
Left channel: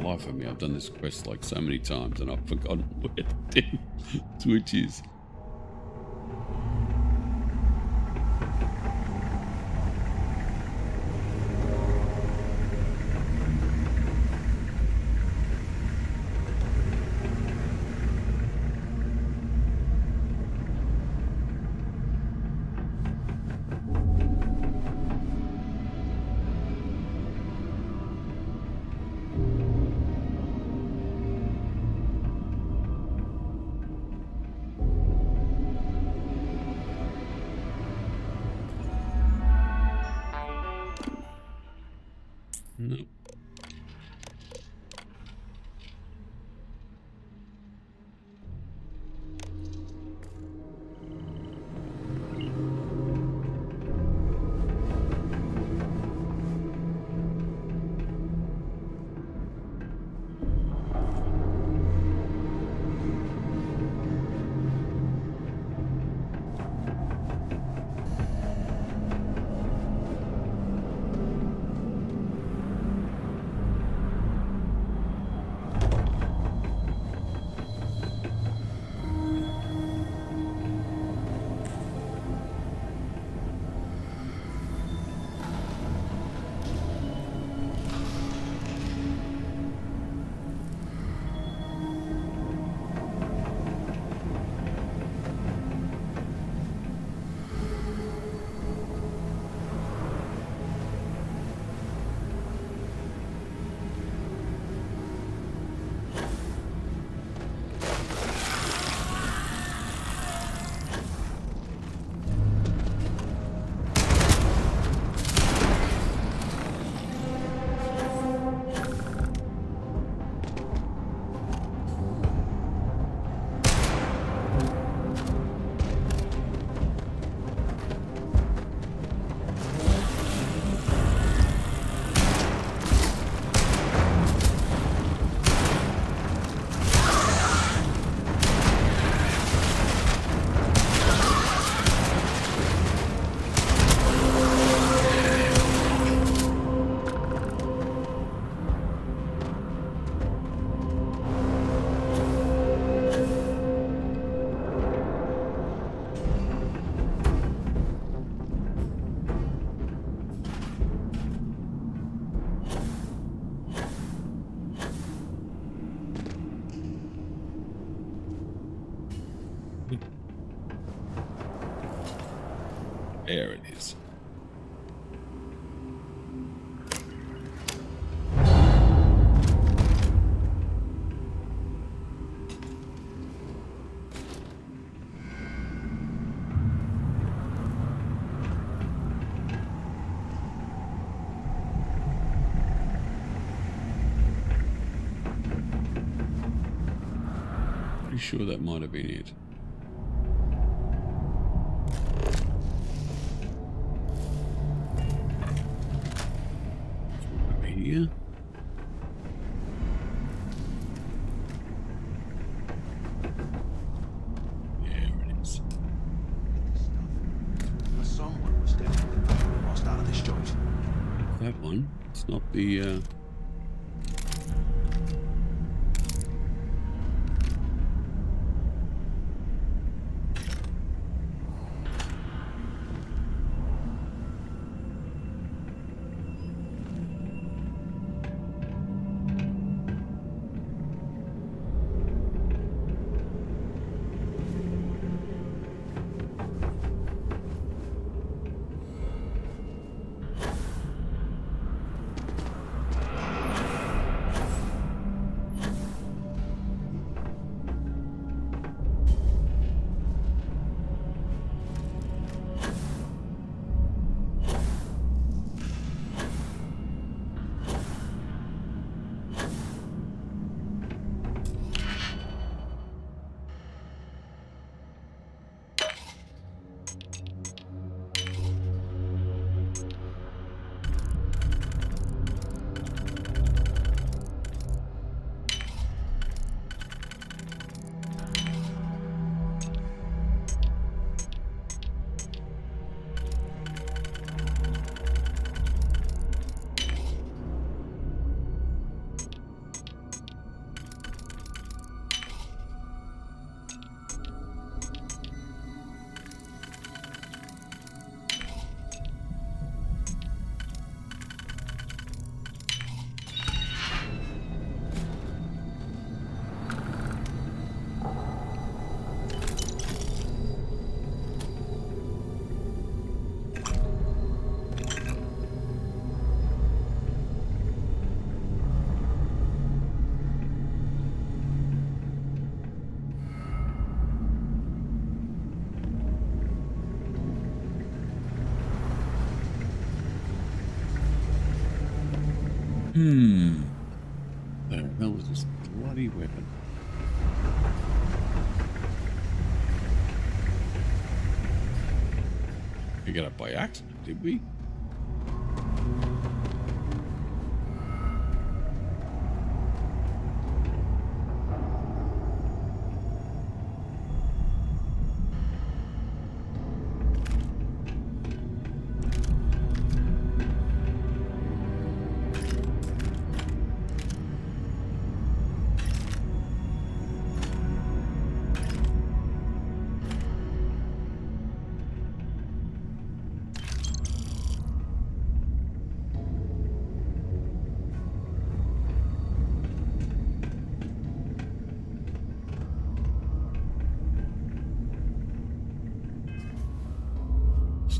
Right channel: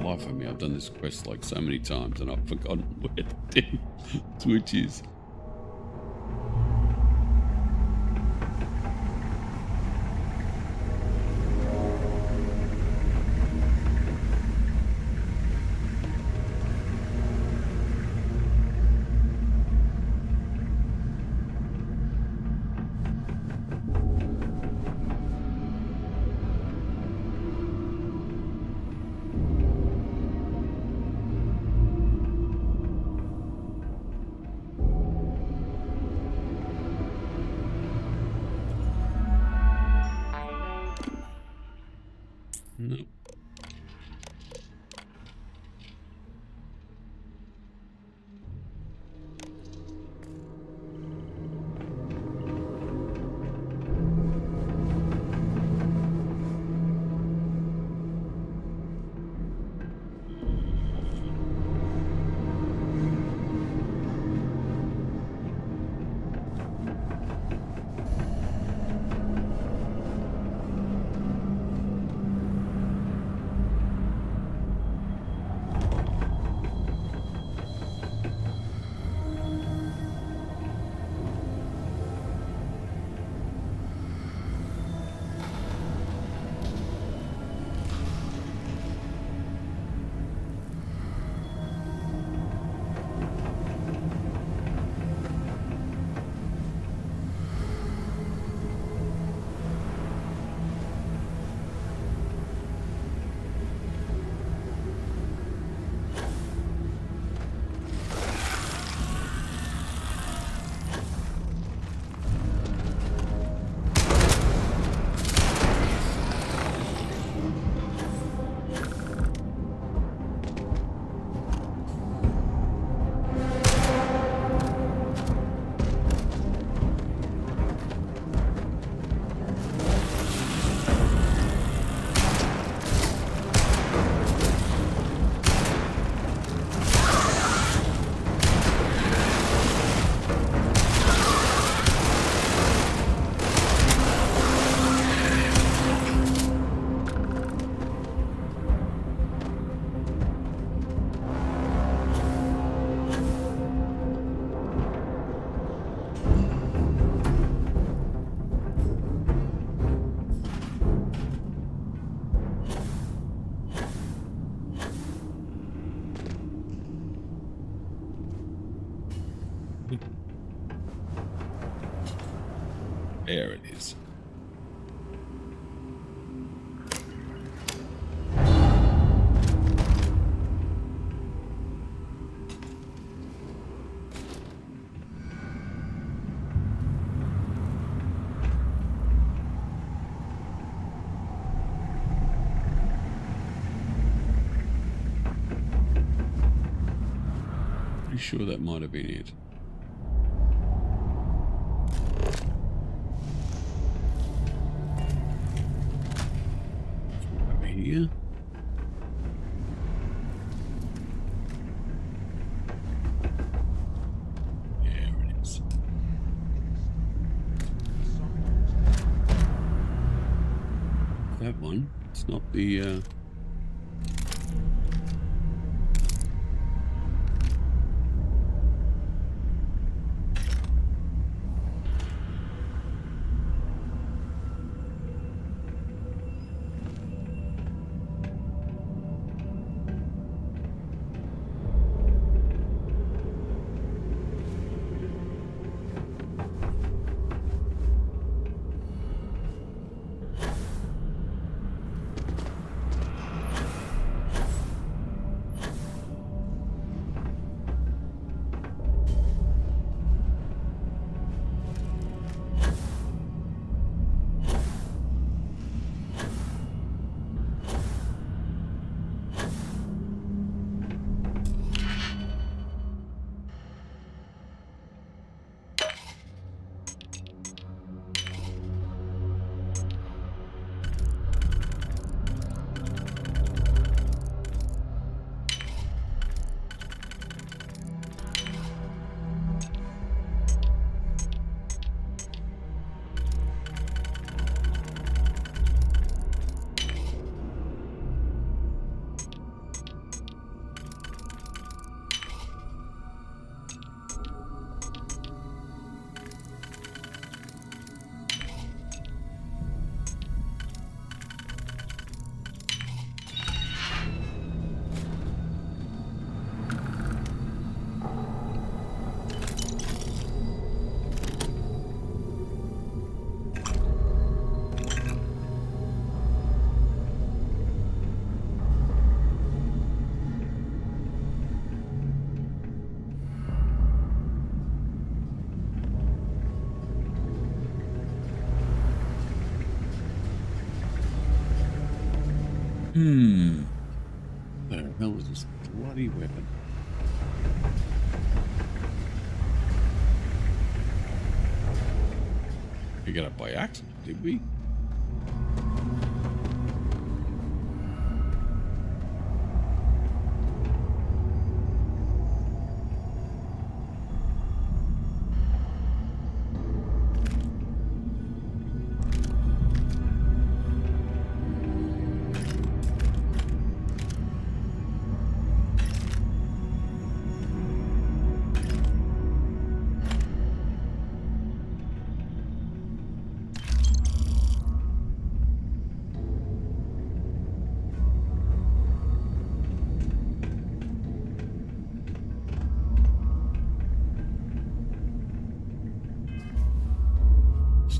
life of me, I've done this quest like so many times and I've forgotten where the damn switch is. No. There it is. Pretty sure that might have been it. Here. There it is. Someone was definitely lost out of this joint. That one. It's not the Where the hell is this bloody weapon? We got it by accident, did we?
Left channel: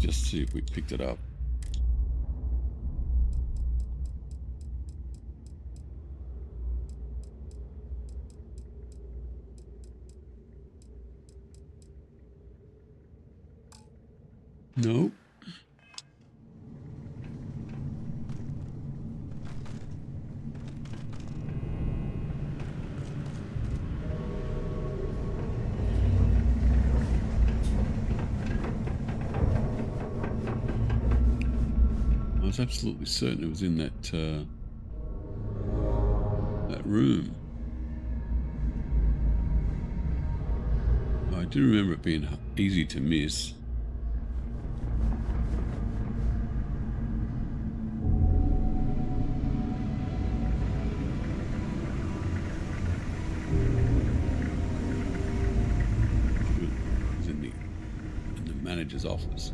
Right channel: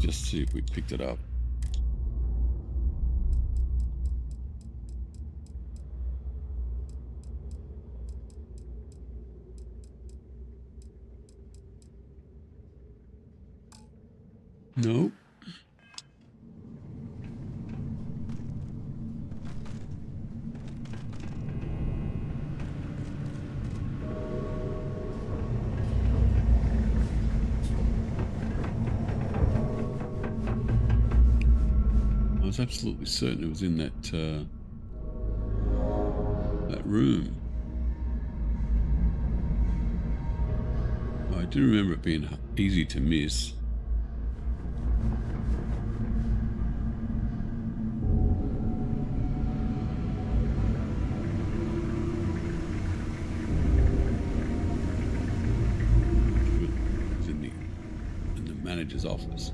Just see if we picked it up. No. I was absolutely certain it was in that that room. I do remember it being easy to miss. It was in the manager's office.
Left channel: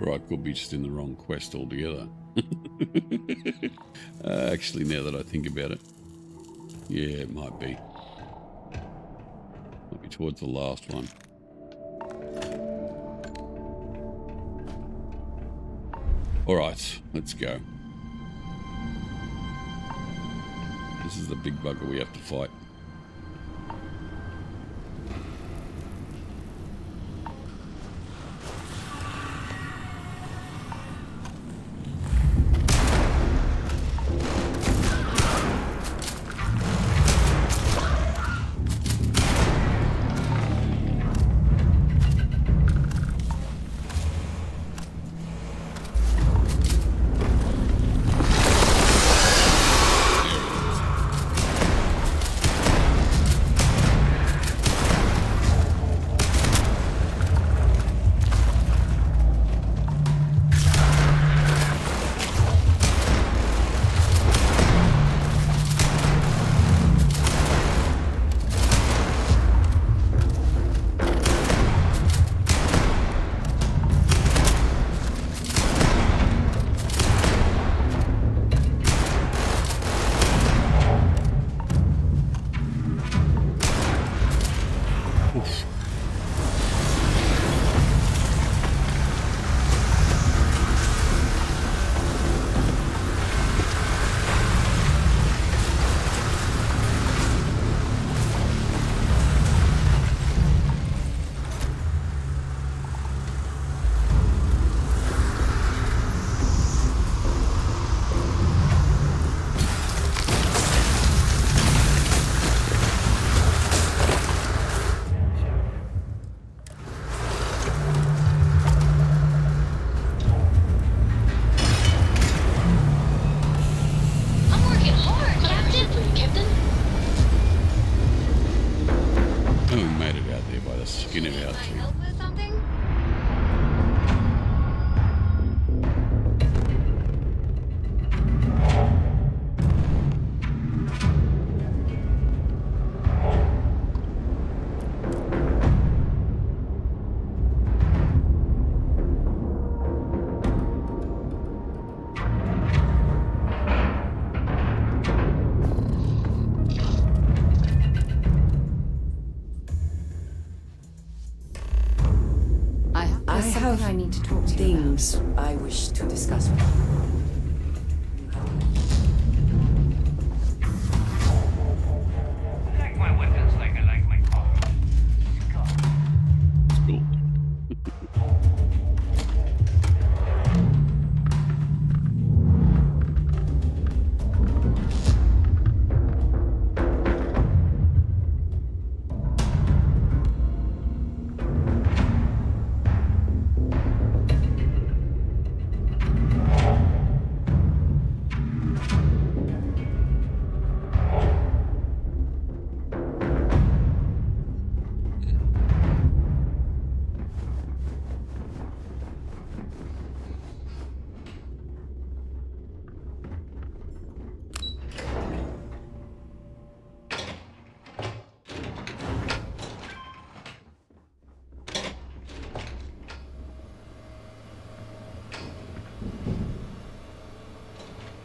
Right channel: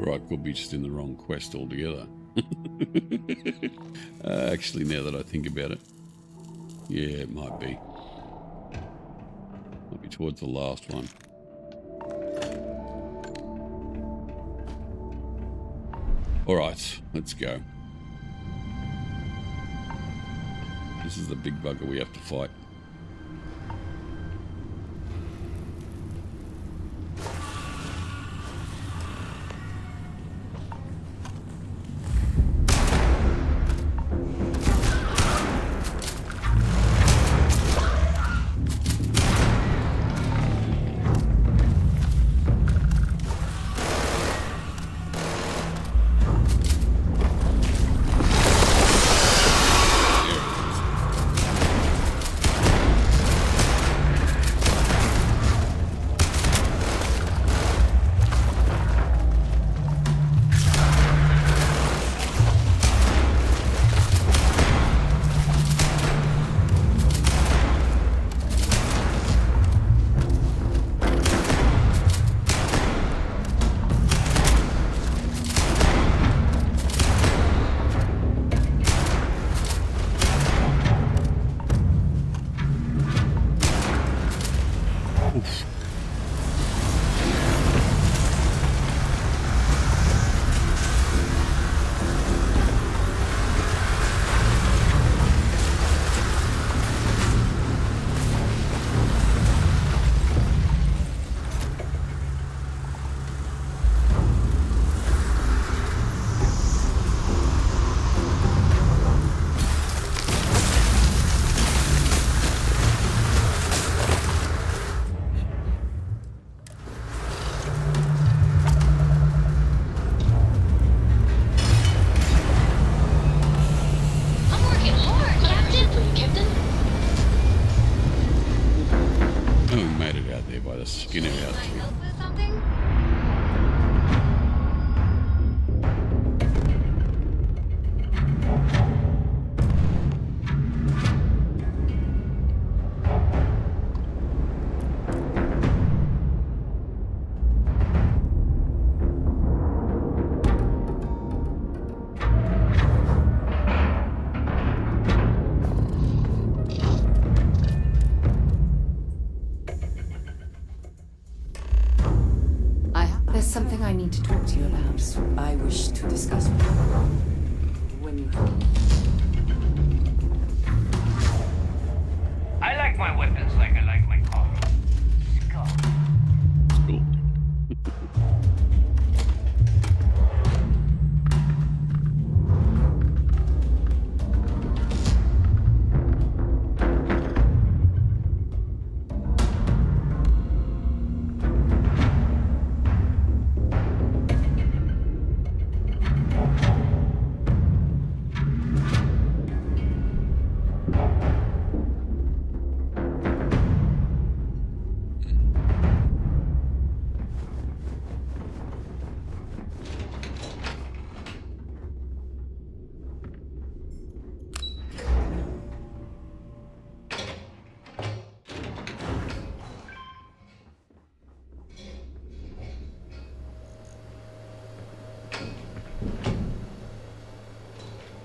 Or I could be just in the wrong quest altogether. Actually, now that I think about it, yeah, it might be. Might be towards the last one. All right, let's go. This is the big bugger we have to fight. to talk to you Things I wish to discuss with you. When you have I like my weapons like I like my coffee. Skull. It's cool.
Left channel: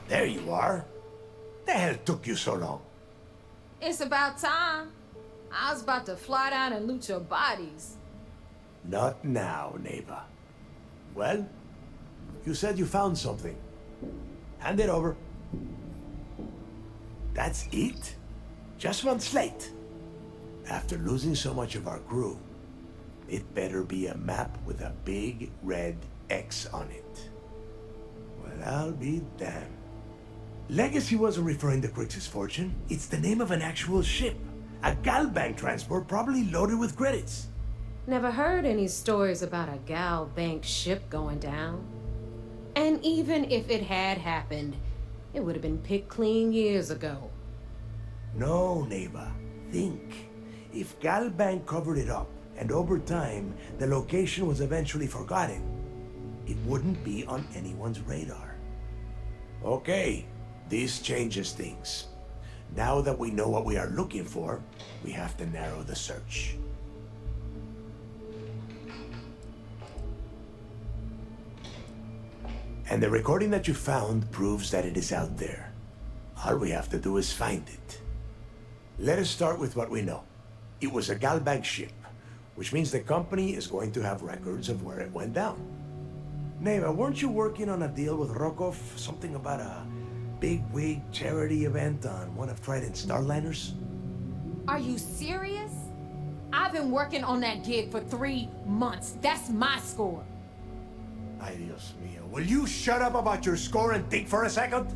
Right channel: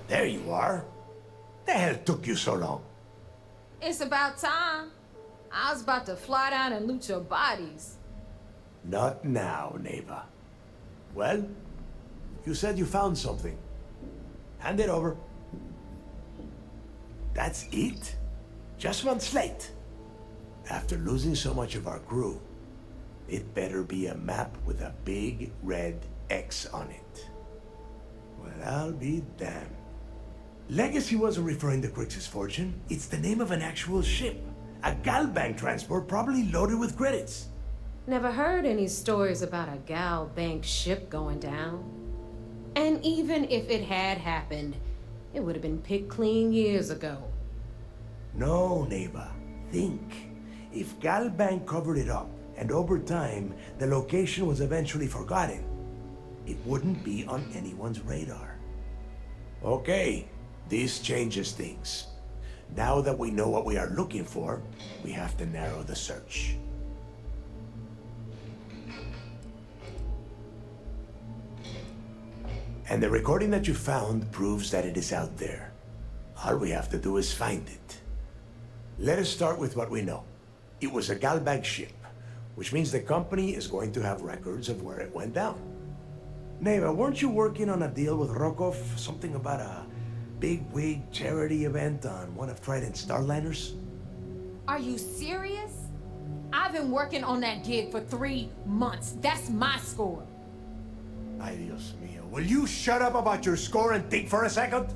There you are. The hell took you so long? It's about time. I was about to fly down and loot your bodies. Not now, neighbor. Well, you said you found something. Hand it over. That's it? Just one slate. After losing so much of our crew, it better be a map with a big red X on it. Well, I'll be damned. Legacy wasn't referring to Crix's fortune. It's the name of an actual ship. A Galbank transport probably loaded with credits. Never heard any stories about a Gal Bank ship going down. And even if it had happened, it would have been picked clean years ago. No, neighbor. Think. If Galbank covered it up, and over time, the location was eventually forgotten, it wouldn't be on anyone's radar. Okay, this changes things. Now that we know what we are looking for, we have to narrow the search. And the recording that you found proves that it is out there. All we have to do is find it. Let us start with what we know. It was a Galbank ship, which means the company is going to have records of where it went down. Neva, weren't you working on a deal with Rokov? Something about a big-wig charity event on one of Trident's Starliners? Are you serious? I've been working on that gig for 3 months. That's my score. Ay, Dios mío. Will you shut up about your score and think for a second?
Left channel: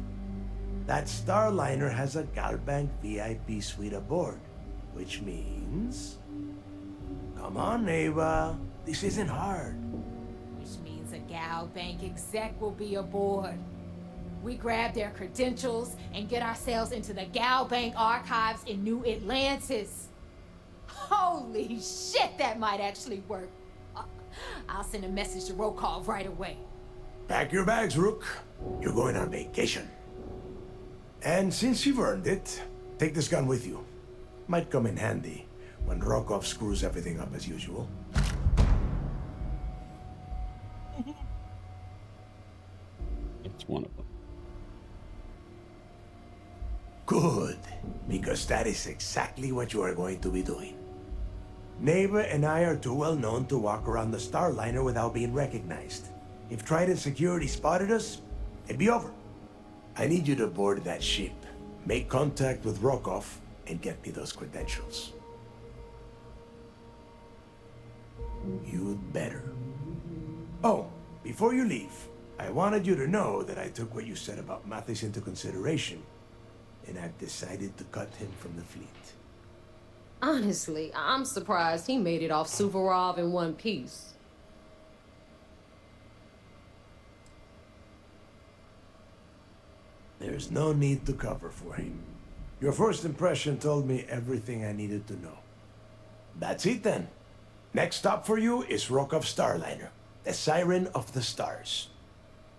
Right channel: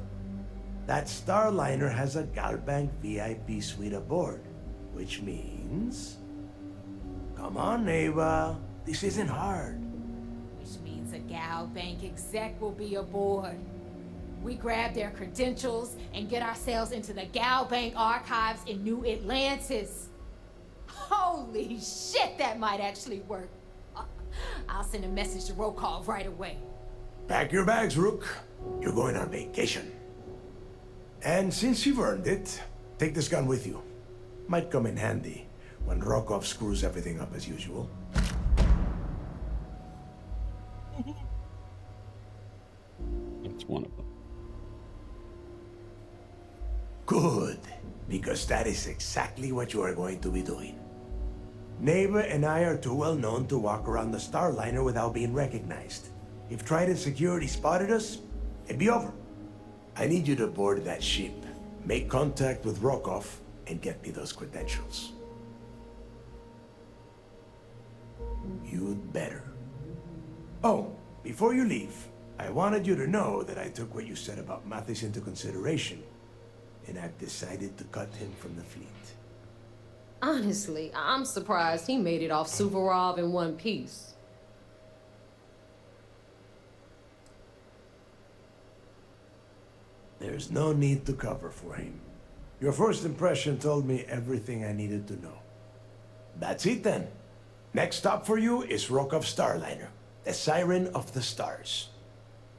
That Starliner has a Galbank VIP suite aboard, which means... Come on, Neva. This isn't hard. Which means a Gal Bank exec will be aboard. We grab their credentials and get ourselves into the Gal Bank archives in New Atlantis. Holy shit, that might actually work. I'll send a message to Rokov right away. Pack your bags, Rook. You're going on vacation. And since you've earned it, take this gun with you. Might come in handy when Rokov screws everything up as usual. That's one of them. Good, because that is exactly what you are going to be doing. Neighbor and I are too well known to walk around the Starliner without being recognized. If Trident security spotted us, it'd be over. I need you to board that ship, make contact with Rokov, and get me those credentials. You'd better. Oh, before you leave, I wanted you to know that I took what you said about Mathis into consideration, and I've decided to cut him from the fleet. Honestly, I'm surprised he made it off Suvorov in one piece. There's no need to cover for him. Your first impression told me everything I needed to know. That's it then. Next stop for you is Rokov Starliner, the Siren of the Stars.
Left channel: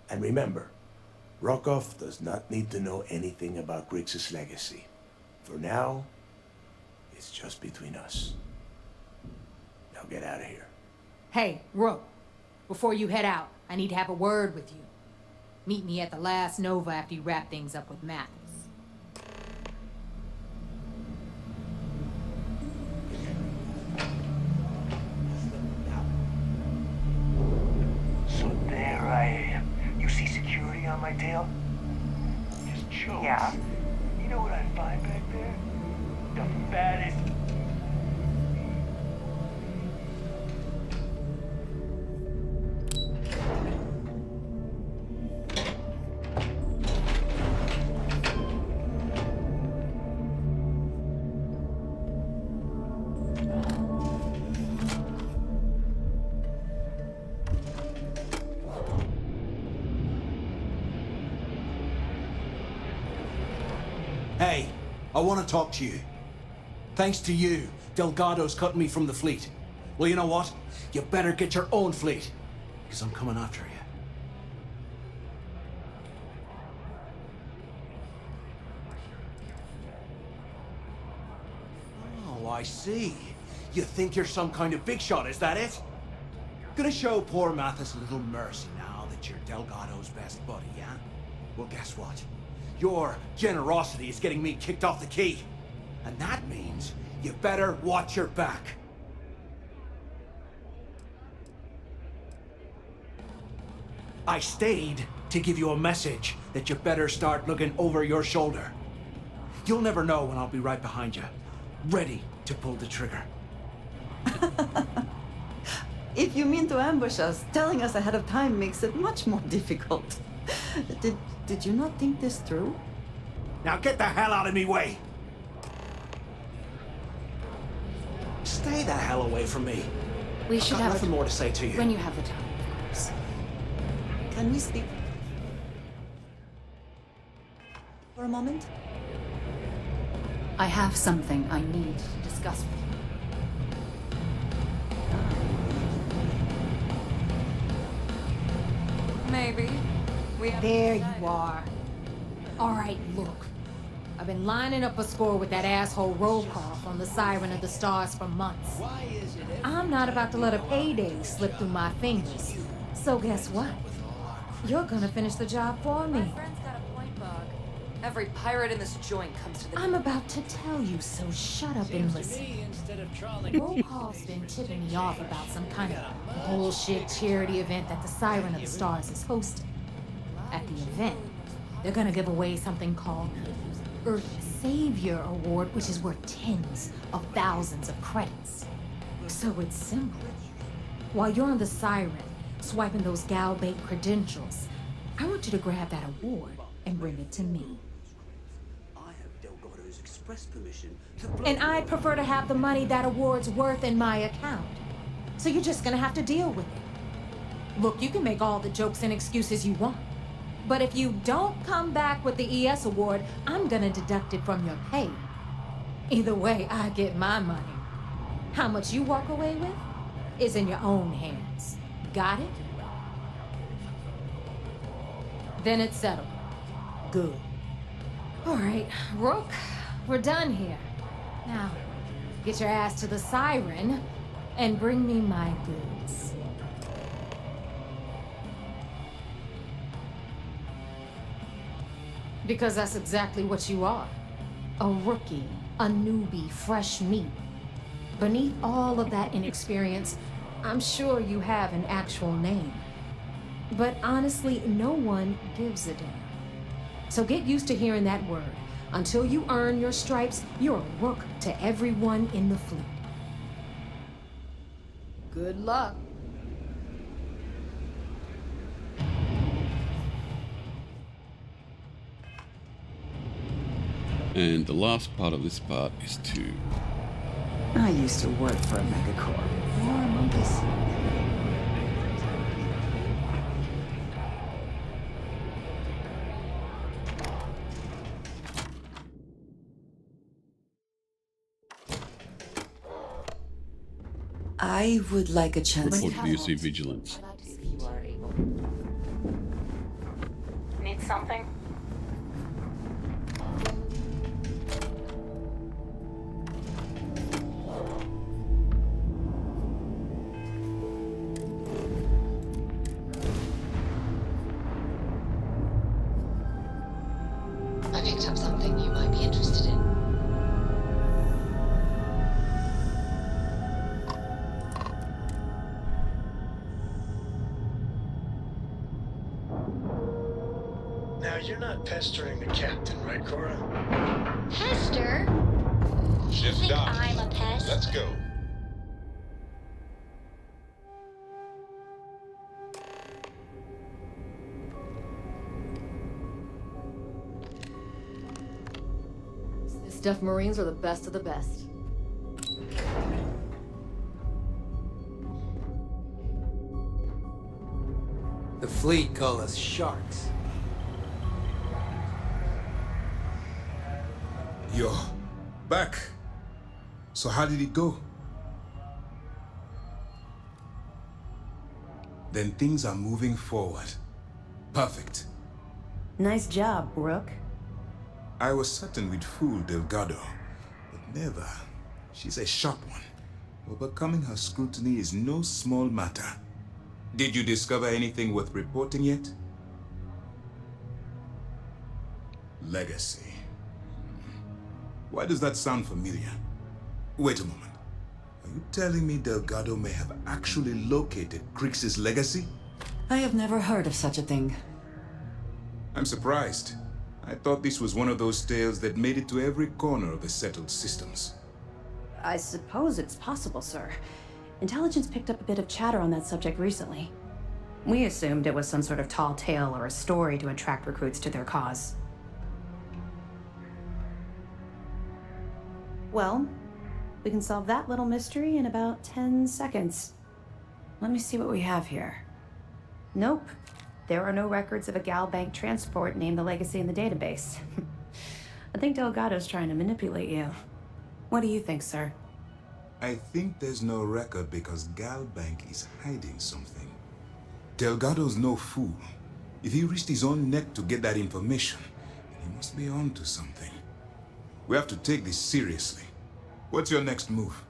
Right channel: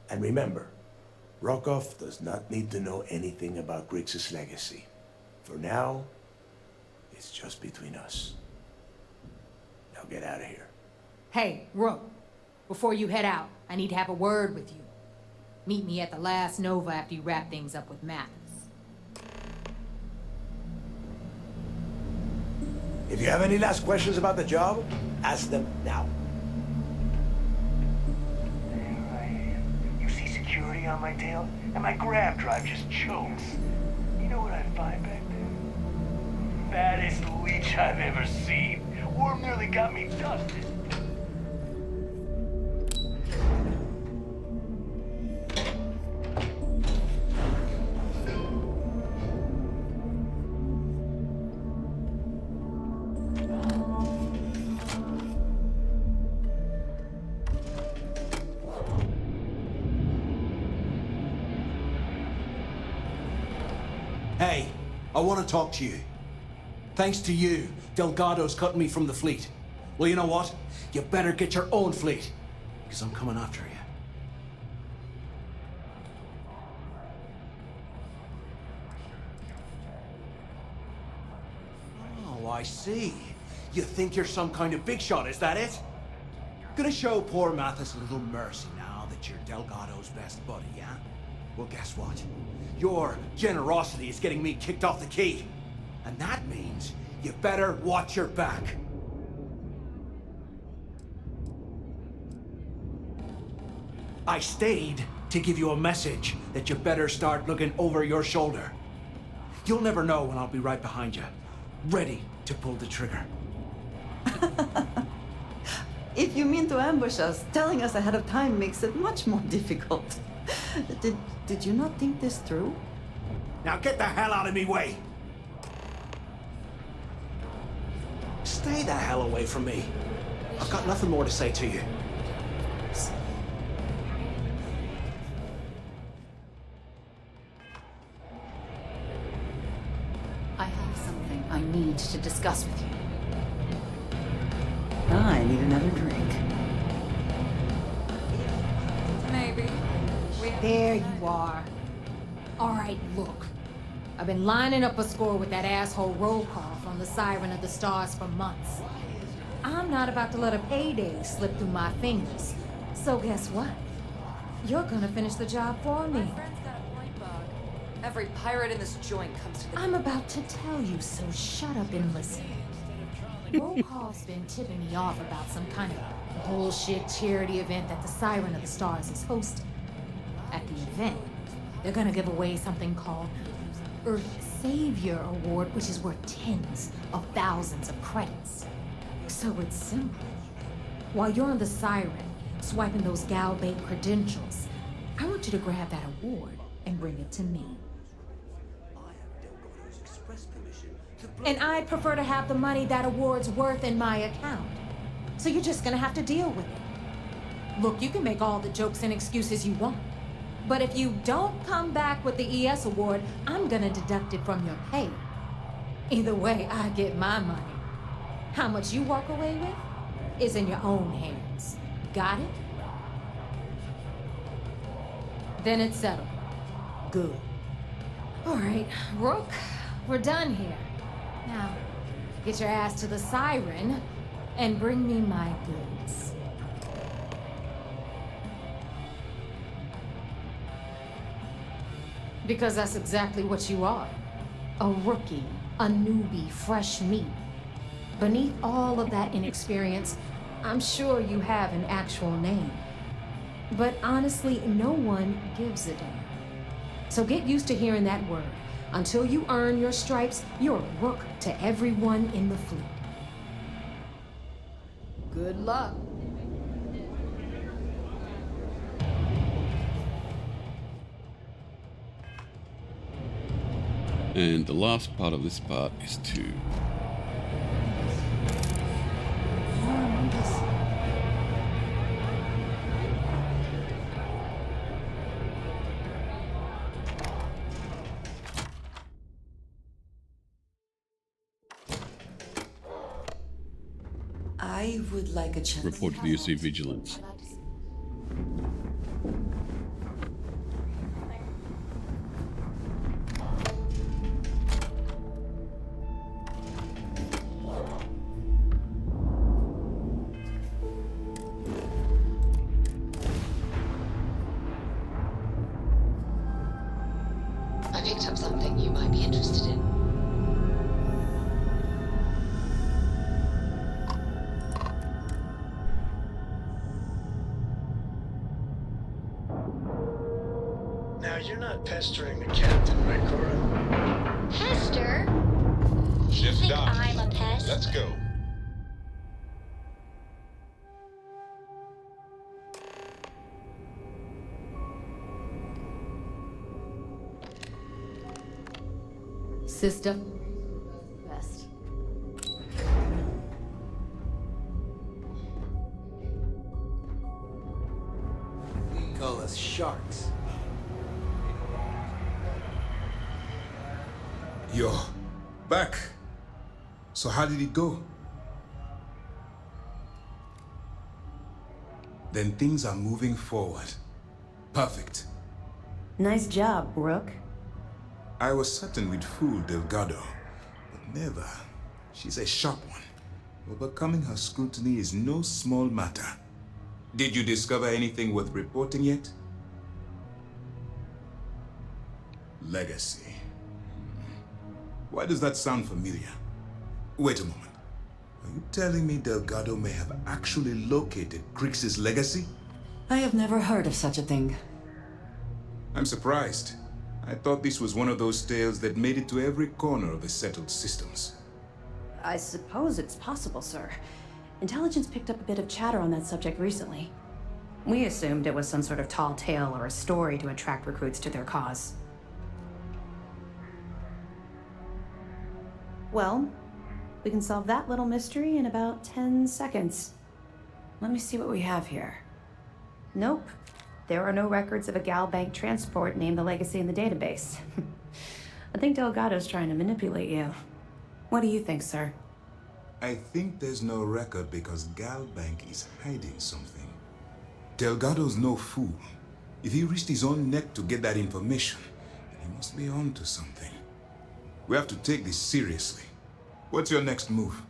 And remember, Rokov does not need to know anything about Grix's legacy. For now, it's just between us. Now get out of here. Hey, Rook, before you head out, I need to have a word with you. Meet me at the last Nova after you wrap things up with Mathis. If you have any last questions about the job, ask them now. on my tail, and my grab drive just chokes. Yeah? You know what I find back there? The fattest leech I've ever seen. Worm nearly got me dusted. Hey, I want to talk to you. Thanks to you, Delgado's cutting me from the fleet. Well, you know what? You better get your own fleet, because I'm coming after you. Oh, I see. You think you're some kind of big shot, is that it? Gonna show poor Mathis a little mercy now that you're Delgado's best buddy, yeah? Well, guess what? Your generosity is getting me kicked off the key. And that means you better watch your back. I stayed to give you a message that you better start looking over your shoulder. You'll never know when I'll be right behind you, ready to pull the trigger. If you mean to ambush us, telling us ahead of time makes it much more difficult. Did you not think this through? Now get the hell out of me way! Stay the hell away from me. We I've should got have nothing more to say to you. when you have the time, of course. Can we speak for a moment? I have something I need to discuss with you. I need another drink. Maybe. There you are. All right, look. I've been lining up a score with that asshole roll call from the Siren of the Stars for months. I'm not about to let a payday slip through my fingers. So guess what? You're gonna finish the job for me. My friend's got a point bug. Every pirate in this joint comes to the... I'm about to tell you, so shut up and listen. Roll call's been tipping me off about some kind of bullshit charity event that the Siren of the Stars is hosting. At the event, they're gonna give away something called Earth Savior Award, which is worth tens of thousands of credits. So it's simple. While you're on the Siren, swiping those Gal Bank credentials, I want you to grab that award and bring it to me. And I'd prefer to have the money that award's worth in my account. So you're just gonna have to deal with it. Look, you can make all the jokes and excuses you want. But if you don't come back with the ES award, I'm gonna deduct it from your pay. Either way, I get my money. How much you walk away with is in your own hands. Got it? Then it's settled. Good. All right, Rook, we're done here. Now, get your ass to the Siren and bring me my goods. Because that's exactly what you are. A rookie, a newbie, fresh meat. Beneath all of that inexperience, I'm sure you have an actual name. But honestly, no one gives a damn. So get used to hearing that word. Until you earn your stripes, you're a rook to everyone in the fleet. Good luck. And the last part of this part is to... I used to work for a record corp. More among us. I would like a chance. report VOC vigilance. Need something? I picked up something you might be interested in. Now, you're not pestering the captain, right, Cora? Pester? Shift Think off. I'm a pest? Let's go. Sys-Def Marines are the best of the best. The fleet call us sharks. You're back. So how did it go? Then things are moving forward. Perfect. Nice job, Rook. I was certain we'd fool Delgado, but never. She's a sharp one. Overcoming her scrutiny is no small matter. Did you discover anything worth reporting yet? Legacy. Why does that sound familiar? Wait a moment. Are you telling me Delgado may have actually located Crix's legacy? I have never heard of such a thing. I'm surprised. I thought this was one of those tales that made it to every corner of the settled systems. I suppose it's possible, sir. Intelligence picked up a bit of chatter on that subject recently. We assumed it was some sort of tall tale or a story to attract recruits to their cause. Well, we can solve that little mystery in about 10 seconds. Let me see what we have here. Nope. There are no records of a Gal Bank transport named the Legacy in the database. I think Delgado's trying to manipulate you. What do you think, sir? I think there's no record because Gal Bank is hiding something. Delgado's no fool. If he risked his own neck to get that information, then he must be on to something. We have to take this seriously. What's your next move?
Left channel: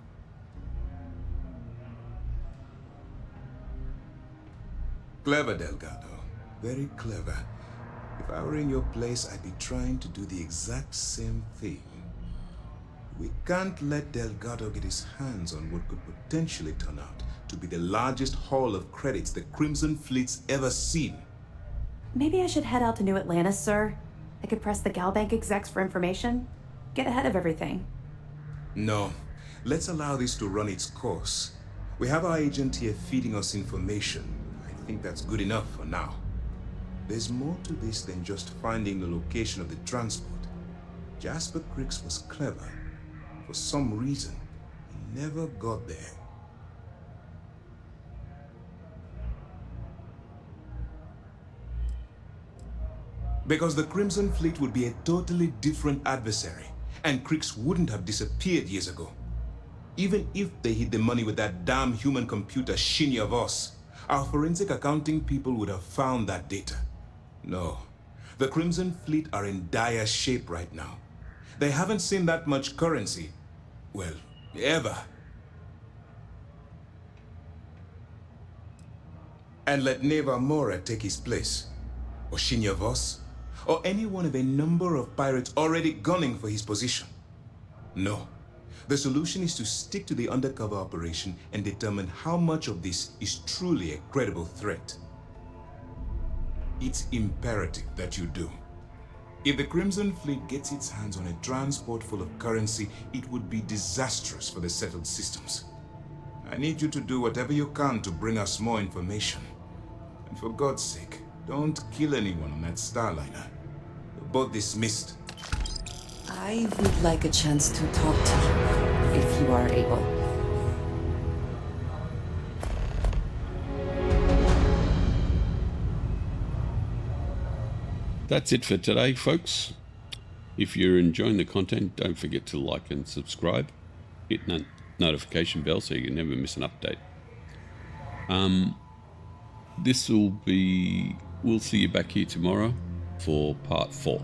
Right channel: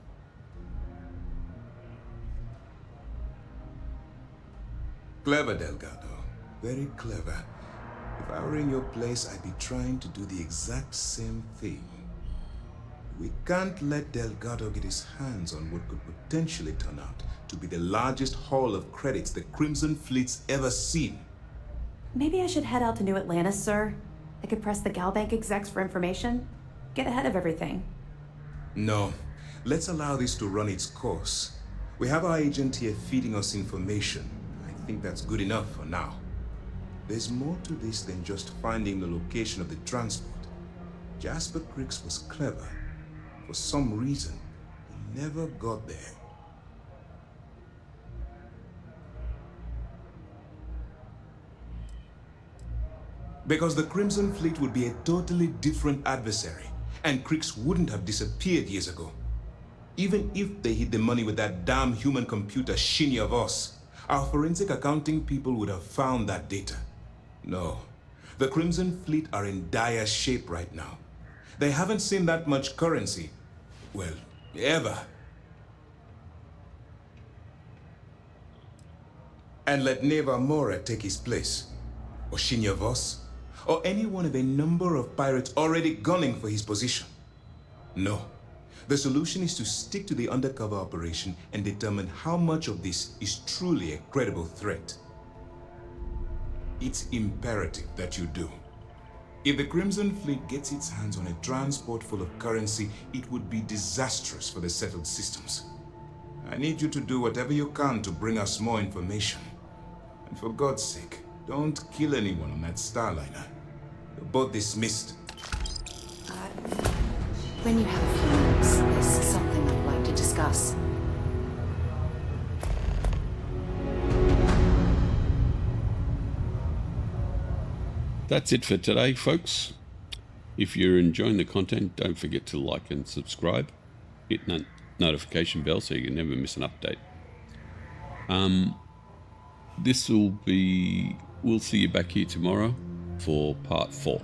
Clever, Delgado. Very clever. If I were in your place, I'd be trying to do the exact same thing. We can't let Delgado get his hands on what could potentially turn out to be the largest haul of credits the Crimson Fleet's ever seen. Maybe I should head out to New Atlantis, sir. I could press the Gal Bank execs for information. Get ahead of everything. No. Let's allow this to run its course. We have our agent here feeding us information. I think that's good enough for now. There's more to this than just finding the location of the transport. Jasper Crix was clever. For some reason, he never got there. Because the Crimson Fleet would be a totally different adversary, and Crix wouldn't have disappeared years ago. Even if they hid the money with that damn human computer Shinny of us, our forensic accounting people would have found that data. No, the Crimson Fleet are in dire shape right now. They haven't seen that much currency, well, ever. And let Neva Mora take his place, or Shinya Voss, or any one of a number of pirates already gunning for his position. No, the solution is to stick to the undercover operation and determine how much of this is truly a credible threat. It's imperative that you do. If the Crimson Fleet gets its hands on a transport full of currency, it would be disastrous for the settled systems. I need you to do whatever you can to bring us more information. And for God's sake, don't kill anyone on that Starliner. You're both dismissed. I would like a chance to talk to you. This is some more people to discuss. That's it for today, folks. If you're enjoying the content, don't forget to like and subscribe. Hit that notification bell so you can never miss an update. We'll see you back here tomorrow for part 4.